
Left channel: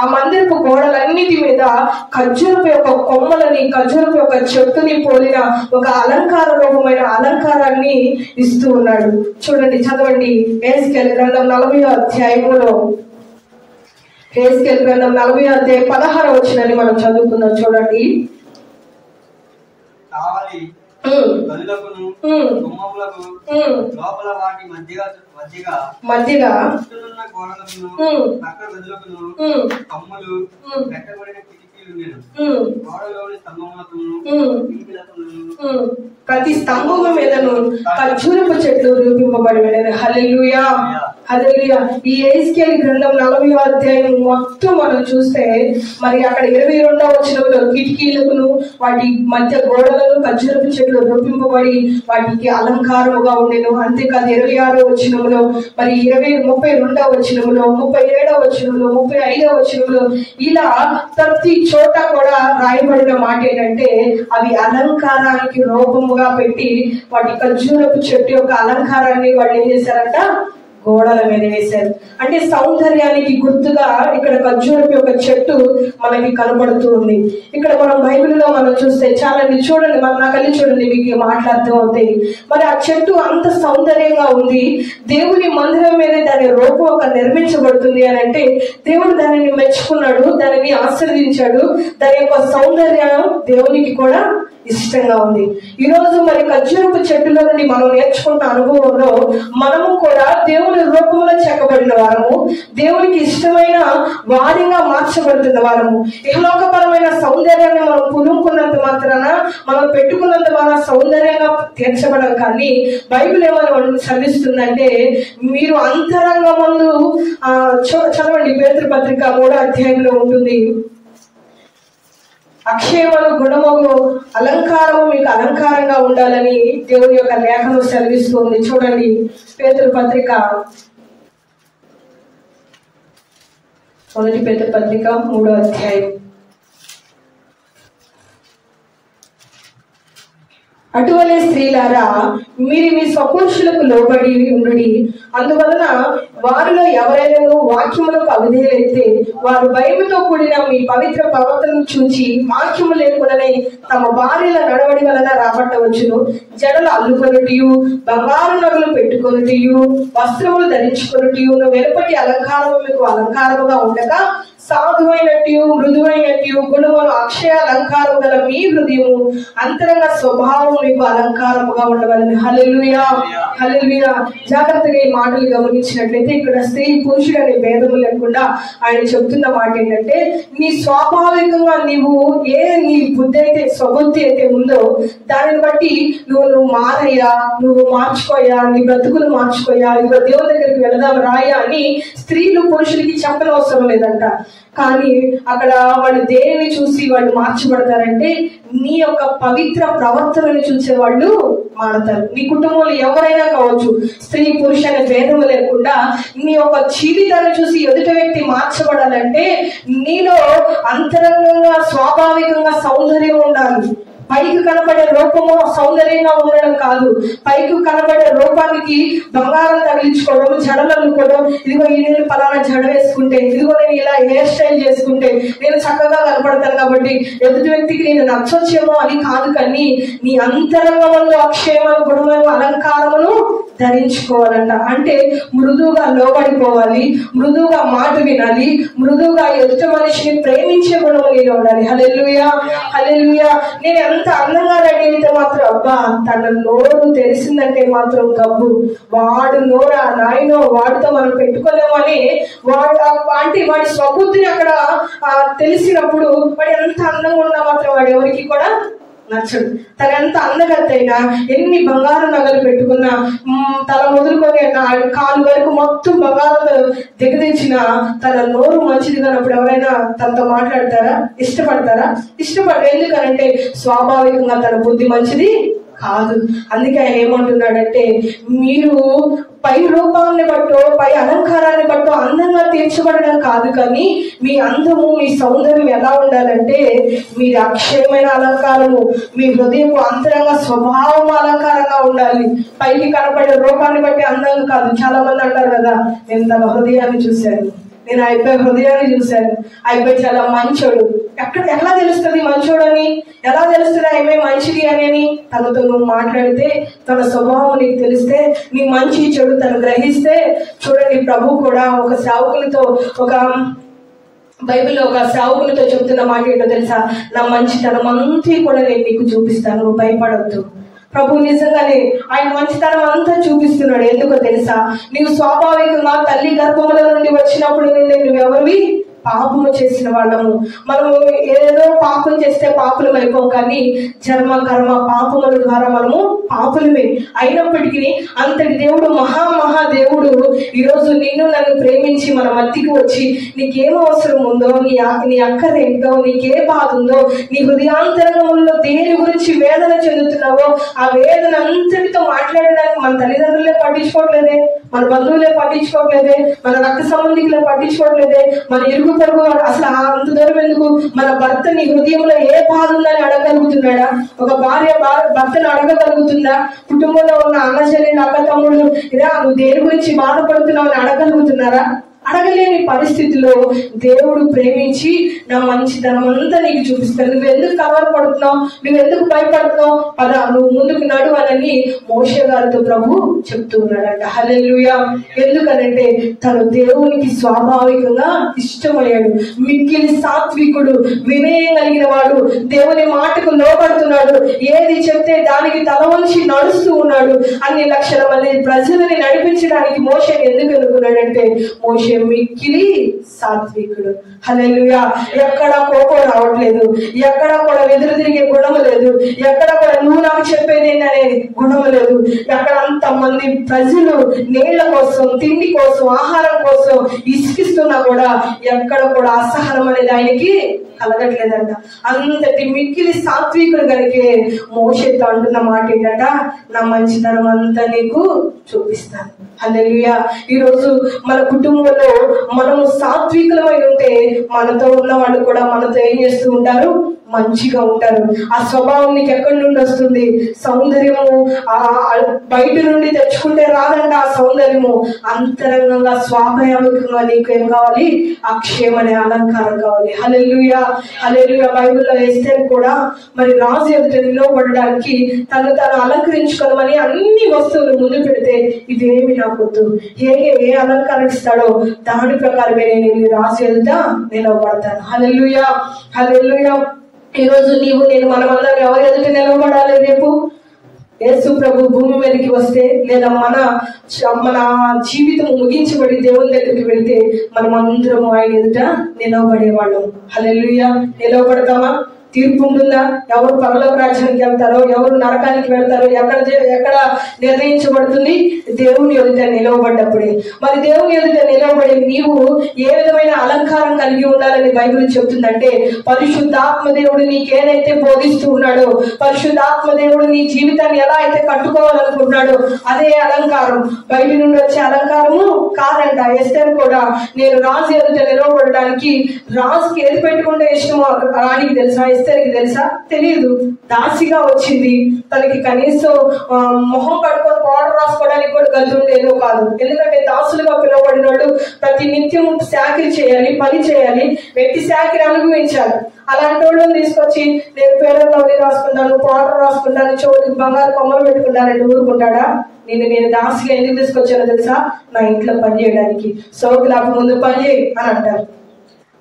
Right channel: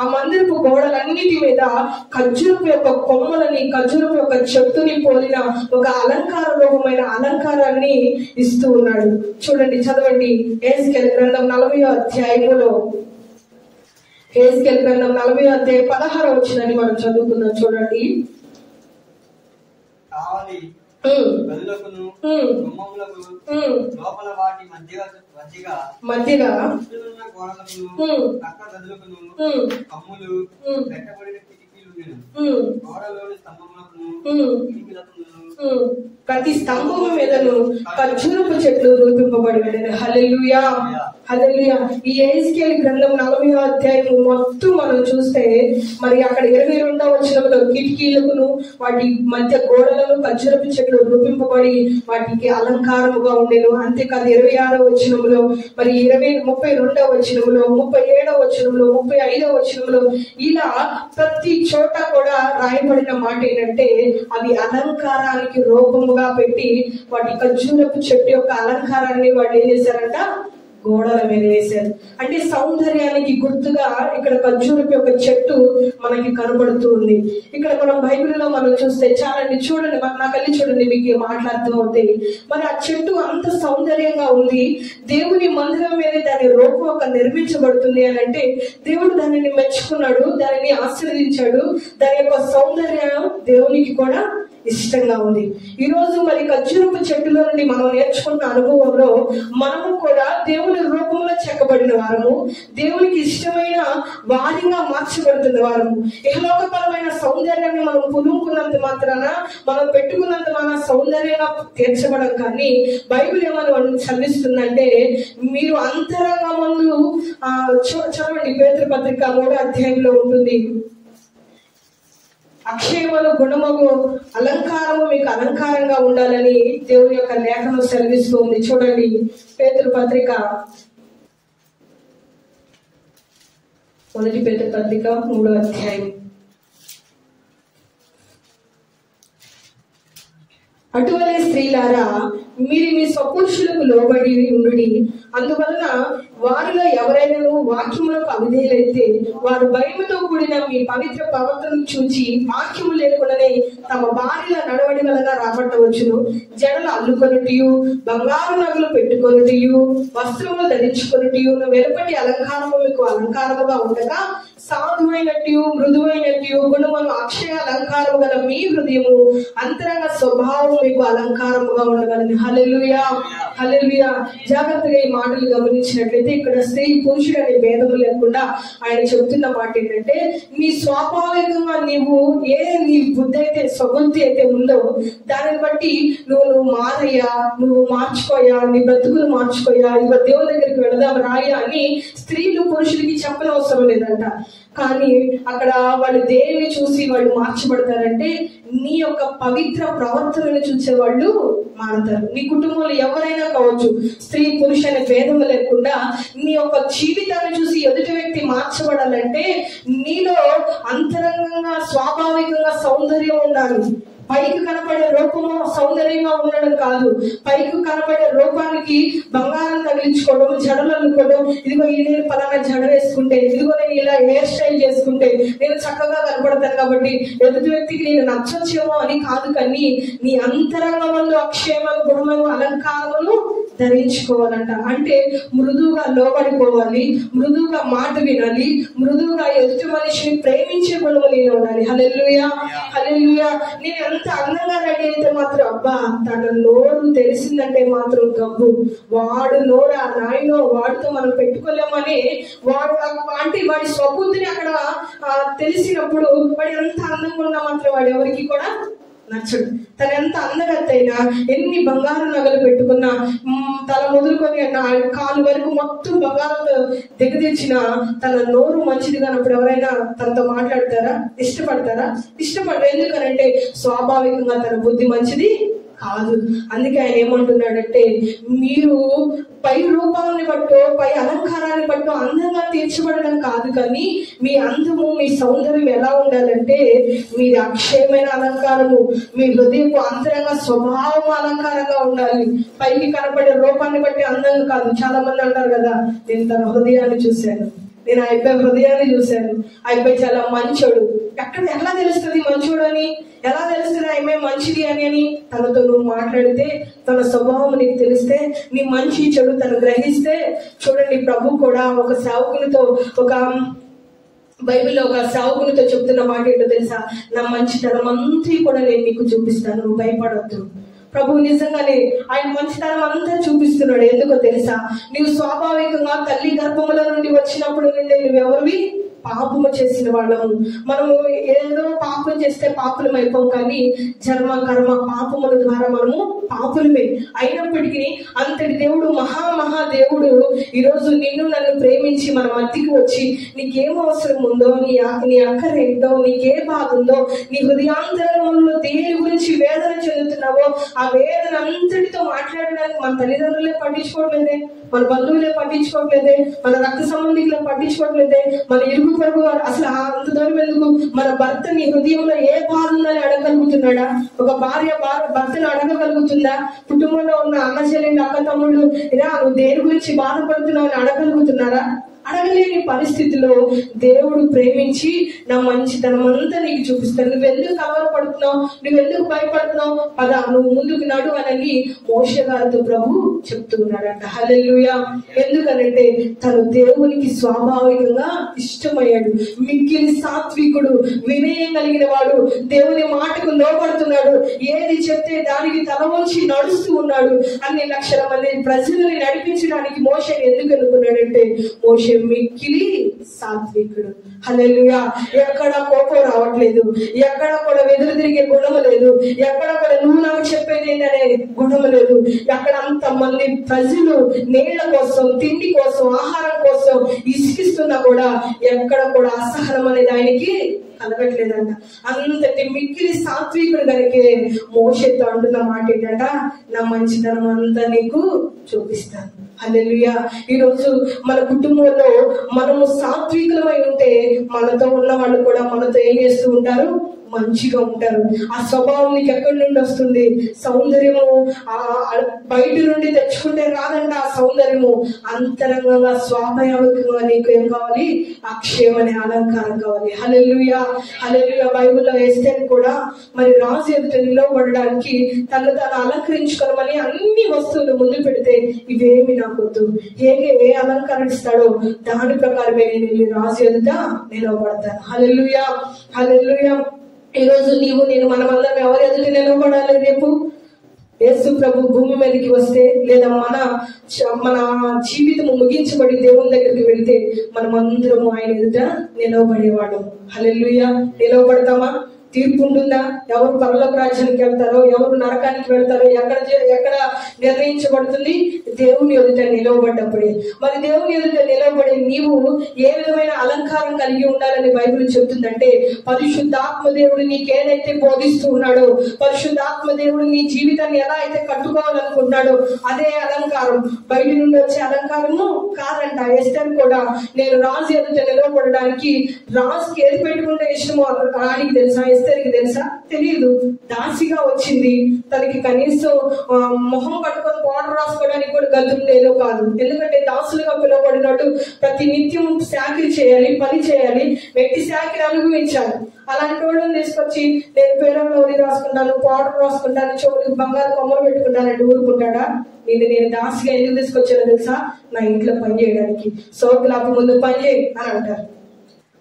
ఆ మందిరపు గోడలన్నిటి మీద ఖర్జూరపు యొక్క కొమ్మలని, ఖర్జూరపు యొక్క చెట్టుని పోలిన ఒక అలంకార రూపమైన అలంకారాన్ని ఇస్తూ ఉన్నాడు. చూడండి, చదవండి. హెజ్కేలు గ్రంథం 40 హెజ్కేలు గ్రంథం 40:16 మనం చదువుకుందాం. చూడండి. మధ్యగా ప్రతి స్తంభము మీదను ఖర్జూరపు చెట్లు రూపింపబడి వెళ్ళారు. హల్లెలూయా, హల్లెలూయా. ఈ హెజ్కేలు గ్రంథం 40 మొత్తం మనం చూస్తే మరి అక్కడ 22 కిటికీలకును వాటి మధ్య గోడలను ఖర్జూరపు చెట్లు రూపింపబడి వాటికి అలంకారముగా ఉండేను. అంతేకాదు 26 మరి 32 37 35 ఇలా ప్రతి చోట కూడా రాయబడిన మాట ఏంటంటే, అవి అలంకారానికి రూపముగా పెట్టి వాటి ఖర్జూరపు చెట్టు యొక్క అలంకారాన్ని వాళ్ళు ఏం చేశారంట? గోడల మీద వేశారు. అంటే సౌందర్యానికి గుర్తుగా ఇక్కడ ఖర్జూరపు యొక్క చెట్టు మనకి కనబడుతూ ఉంది. ఇక్కడ మనం బైబిల్లో మనం చూస్తే చాలండి, చూడండి, మన నా కళ్ళి చూడండి, మీకు మాట్లాడుతూ అవుతాయి. మరి ఆ చెట్టు అంత సౌందర్యంగా ఉంది. దేవుని మందిరం మీద దాని రూపం ఒక నిర్మించబడుతుంది అని అంటే దేవుడు దానిని మెచ్చుకున్నాడు, దానిని ఆశీర్వదించాడు. దాని యొక్క సౌందర్యం దేవునికి కూడా ఇష్టంగా ఉంది. ఈ రోజు మరి ఖర్జూరపు చెట్టులో నుండి మనం నేర్చుకున్న అనుభవంలో మనము కూడా దేవుని రూపంలో చెక్కబడిన వారము, దేవునికి ఇష్టమైన వారిగా మార్చబడుతున్న వారము. ఇహలోకపరమైన సౌందర్యాన్ని మనం పులుముకున్నంత మాత్రాన, మనం పెట్టుకున్నంత మన సౌందర్యంగా తీర్చబడం. కానీ బైబిల్ ఏమని మనం చదివిస్తుందంటే, మీరు అంతరంగ ముందు చదవండి, పేతురు పత్రిక 3 ఉంటుంది. అక్షయమను గుణమగు అలంకారము మీకు అలంకారంగా ఉండాలని దేవుని యొక్క లేఖను సెలవిస్తుంది. చూడండి, పేతురు పత్రిక 3 అటువలే స్త్రీలారా, మీరు మీ స్వపురుషులకు లోబడి ఉండుడి. అందువలన వారిలో ఎవరైనా వాక్యములకు అవిధేయులైతే వారు భయముతో కూడిన మీ పవిత్ర ప్రవర్తనను చూచి వాక్యము లేకుండానే తమ భార్యల నడవడి వలన రాబట్టవచ్చును. జడలు అల్లుకొనుటియు, బంగారు నగలు పెట్టుకొనుటియు, వస్త్రములు ధరించుకొనుటియు, వెలుపటి అలంకారము మీకు అలంకారముగా ఉండగా సాధువైనట్టు మృదువైనట్టు గుణములు అక్షయ అలంకారము గల మీ హృదయము అంతరంగ స్వభావం మీకు అలంకారముగా ఉండవాలని. హల్లెలూయా, హల్లెలూయా. జాగ్రత్తగా ఈ మాటలు గమనించినట్లయితే ఇక్కడ స్త్రీ పురుషుడు అనే భేదము లేకుండా ఆయన చెప్తున్న మాట ఏంటంటే, నీ స్వాభావికంగా నీ బుద్ధి అయితే, స్వబుద్ధి అయితే ఉందో దానిని బట్టి నువ్వు మారయ్యా, నువ్వు మార్చుకోయా, నీ బ్రతుకులు మార్చుకోయా, ఇక దేవుని దగ్గరికి వెళదాం రాయా అని స్త్రీలు పురుషులకి చెప్పనవసరం లేదంట. కానీ అక్కడ వాళ్ళు దేనిని చూసి వాళ్ళు మార్చబడతారంటే, నీ యొక్క పవిత్ర ప్రవర్తనని చూసే వాళ్ళు మారతారు. నీ కుటుంబంలో ఎవరైనా కావచ్చు, స్త్రీ పురుష అనే భేదము లేకుండా నీ యొక్క జీవితాన్ని చూసి ఎదుటి వ్యక్తి మార్చబడాలంటే నీలో అంతరంగంగా స్వాభావికంగా సౌందర్యం ఉండాలి. పైకి కనబడే రూపము సౌందర్యంగా ఉండడం కాదు. పైకి కనబడే రూపానికి బంగారం తగిలించుకోవడం, జడలు అనుకోవడం, ఇదిగో నేను పలానా జడ వేసుకుంటే, ఇదిగో నేను ఇలా హెయిర్ స్టైల్ చేసుకుంటే నేను చక్కగా కనపడతాను కాబట్టి ఎదుటి వ్యక్తికి నేను నచ్చొచ్చేమో అని కాదు, కానీ నీ అంతరంగంలో అక్షయమైన గుణమైన అలంకారమును ధరించుకోవాలంట. అంటే మృదువుగా లోబడిపోవాలి, మృదువుగా మాట వినాలి, మృదువుగా ఎదుటి మనిషిని ప్రేమించే గుణము నీలో ఉండాలి. హల్లెలూయా, హల్లెలూయా. నేను ఎంత అందంగా రెడీ అయితే మాత్రం అబ్బా తన నోరు తెలిసిందంటే మాత్రం గబ్బు, వాడు నోరా నాయనో వాడితో మనం పెట్టుకోలేమని అంటే వాడి స్వబుద్ధిని అక్కడ తెలిసినప్పుడు వాడు ఎంత అందంగా ఉన్నా మాత్రం వాడు ఎవరికి కూడా నచ్చడు. తన ఎంత అందగత్త అయినా, ఎన్ని బంగారు నగలు పెట్టుకున్నా, తల మొదలుకొని కాలు వరకు మొత్తం బంగారం దిగదించిన తన నోరు మంచిది కానప్పుడు ఎవరైనా తనతో మాట్లాడతారా? ఇష్టపడతారా? ఇష్టపడరు. ఎందుకనంటే స్వాభావికంగా తన బుద్ధి మంచిది కాదు. అందుకే ఆయన ఏమంటున్నాడంటే, మీరు పై రూపాన్ని బట్టో పై అలంకారాన్ని బట్టో అందంగా తీర్చబడడం కాదు, కానీ మీ అందము మీ సౌందర్యం ఎలా ఉండాలంటే మీది అక్షయమైన అలంకారము, మీ హృదయపు అంతరంగ స్వభావం అలంకారంగా ఉండాలి. పైకి కనపడే రూపాన్ని బట్టి అందంగా కాదు. చాలా మంది అంటారు కదా, నేను తన హృదయాన్ని చూశాను, నేను అయిపోయి హృదయాన్ని చూశాను, అయిపోయి చాలా మంచోడు. ఎలా తెలుస్తుంది మంచోడు అని? ఎలా తెలుస్తుంది ఆమె మంచిది అని? తనతో నువ్వు మాట్లాడితే, తన స్వభావం నీకు తెలిస్తే, నీ మంచి చెడు తను గ్రహిస్తే. చూడండి, ప్రభు కూడా ఒక సేవకులతో, ఒక బైబిల్లో ఒక సేవకులతో చెబుతున్న మాట ఏంటో తెలుసా? నా మంచితనం అంతా కూడా నేను నీకు చూపిస్తాను, నువ్వు భయపడవద్దు. ప్రభు నిజంగానే ఆయన మంచితనం అంతా చూపిస్తున్నాడు. ఎందుకో తెలుసా? నీవు స్వాభావికంగా తల్లి గర్భముల నుండి వచ్చినప్పుడు నుండి నువ్వెవరివి? పాపము చేసిన వాళ్ళము. మనము ఏదో పాపం చేస్తే పాపులం అయిపోం, కానీ జన్మ కర్మ పాపముల ద్వారా మనము పాపులమే. అయినప్పటికీ అంతటి దేవుడు, మహాదేవుడు ఈరోజు నిన్ను నన్ను ప్రేమించి మన మధ్యకి వచ్చి నీకేం అవసరం ఉందో, నీ అక్కరేంటో, నీకే బాధ ఉందో, నీ హృదయాంతరంగంలో దేని గురించి వేదన చెందుతున్నావో ఆ వేదన అంతటితో మాట్లాడడానికి మన తల్లిదండ్రులే పట్టించుకోవట్లేదే, మన బంధువులే పట్టించుకోవట్లేదే, మన రక్త సంబంధికులే పట్టించుకోవట్లేదే, మన ఇరుగు పొరుగు అసలు అంత దూరం ఎందుకు? మన భర్త నీ హృదయంలో ఏ బాధ ఉందని అడగగలుగుతున్నాడా? ఒక భార్య భర్తను అడగగలుగుతుందా? కుటుంబంలో ఉన్న అన్న చెల్లెలు, అక్క తమ్ముడు, ఇలా నువ్వు దేని గురించి బాధపడుతున్నావు అని అడగలుగుతున్నారా? అడగలేని పరిస్థితిలో దేవుడు ప్రేమించి నా మంచితనం అంతా నీకు చూపిస్తాడు. నువ్వు ఎందుకు కవర్ పడుతున్నావు? నువ్వు ఎందుకు భయపడుతున్నావు? పదా నువ్వు ముందుకు నడు అని మోషే గారితో ప్రభు చెప్తూ ఉన్నాడంట. హల్లెలూయా. ఎందుకనంటే తను దేవునికి స్వాభావికంగా ఇష్టమయ్యాడు. మిక్కిలి సాత్వికుడు, వినయం కలిగిన వాడు, దేవుని మాటకు లోబడుతున్నాడు, ఏది చెప్తే దానికి తల వంచి నడుస్తూ ఉన్నాడు. అన్ని లక్షల మంది ప్రజలని నడిపించడానికి మోషే ఎందుకు ఎన్నుకున్నాడంటే మోషే మిక్కిలి సాత్వికుడు. హల్లెలూయా. ఎక్కడ కోపం రావట్లేదు, ఎక్కడ కూడా వెదురు తిరిగే గుణము లేదు, ఎక్కడ కూడా నువ్వు నాకు చెప్పేది ఏంటనే గుణము లేదు. ఎక్కడ అంతమంది ప్రజలు నీళ్ల కోసం, తిండి కోసం, ఆహారం కోసం ఇసుకిస్తున్నా కూడా ఎక్కడ కూడా అసహనం అనేది ఆయనకి కలగట్లేదంట. అంతటి మిక్కిలి సాత్వికుడు కనుకే మోషేతో అంటున్న మాట ఏంటంట, నా మంచితనం అంతా నీకు చూపిస్తాను. హల్లెలూయా. ఈరోజు మన కుటుంబంలో మనము సాత్వికులమై ఉంటే మనతో ఉన్న వాళ్ళు కూడా మనతో ఏం చేస్తూ ఉంటారు? మంచిగా ఉంటారు. ఆ స్వభావం నీకు ఎక్కడి నుండి వస్తుంది? సౌందర్యము బయట నుండి తెచ్చుకుంటే రాదంట. ఆ సౌందర్యము అంతరంగంగా స్వాభావికంగా నీకు ఏం కావాలి? అక్షయమనే అలంకారం కావాలి. హల్లెలూయా, హల్లెలూయా. బైబిల్లో ఎస్తేర్ కూడా మరి రాజు ఎదుట నిలవబడడానికి తను అలంకరించుకోమని అన్ని వస్తువులు ముందు పెడితే ఇవేమి నాకు వద్దు, ఏ అలంకారం ఇస్తాడో దాని ప్రకారమే నేను రాజు ఎదుట నిలవబడతాను. హల్లెలూయా, హల్లెలూయా. ఈరోజు నీవు నేను మనమందరం ఎవరి ఎదుట నిలవబడాలి? రేపు యేసు ప్రభు భూమి మీదకి వస్తే, లేదా మన జీవితం ముగించబడి దేవుని దగ్గరికి వెళ్తే మనం అందరము ఆయన ఎదుట నిలవబడేవాళ్ళం. హల్లెలూయా. నిలవబడతామా? తీర్పు ఉంటుందా? ఎవరు పరలోక రాజ్యానికి వెళ్తారో, ఎవరు నరకానికి వెళ్తారో ఎక్కడ నిర్ణయించబడుతుంది? దేవుని ఎదుట నిలవబడ్డప్పుడే. మరి దేవుని ఎదుట నిలవబడి నీవు ఏ విధమైన అలంకారం కలిగి ఉండాలని బైబిల్ చెప్తుందంటే, పరిశుద్ధాత్మ దేవుడు నీకేదైతే బోధిస్తూ ఉన్నాడో, పరిశుద్ధాత్మ దేవుడు నీ జీవితాన్ని ఎలా అయితే కట్టుకోవాలనుకుంటున్నాడో అదే అలంకారం. బయట నుండి వచ్చే అలంకారము కాదంట. ఎస్తేర్ కూడా నేను రాజు ఎదుట నిలవబడడానికి, రాజుకి ఏది పెట్టుకుంటే ఇష్టమో రాణికి తెలుసా? ఎస్తేర్కి తెలుసా? తెలియదు. దాసిగా వచ్చింది. తనకి కనీసం మొహం కట్టుకొని పౌడర్ రాసుకోవడానికి కూడా గది ఉండేదో కాదు. ఎందుకంటే దాసులుగా పిలువబడినాడు ప్రతి నిత్యం శాఖలు చేయాలి, పని చేయాలి, వ్యక్తి శాఖలు అనుభవించాలి. అలాంటి వాళ్ళని తీసుకొచ్చి నేను పేడలో రాసుకుంటాను, పౌడర్ రాసుకుంటాను, చెవులకి బంగారు కొమ్మలు పెట్టుకుంటానంటే ఊరుకుంటాడా? నేను దాసిగా ఎందుకు తీసుకొచ్చానో తెలుసా? నా ఇంట్లో పని చేయడానికి. సోకులకు ముందు పని చేయి అని అంటారు.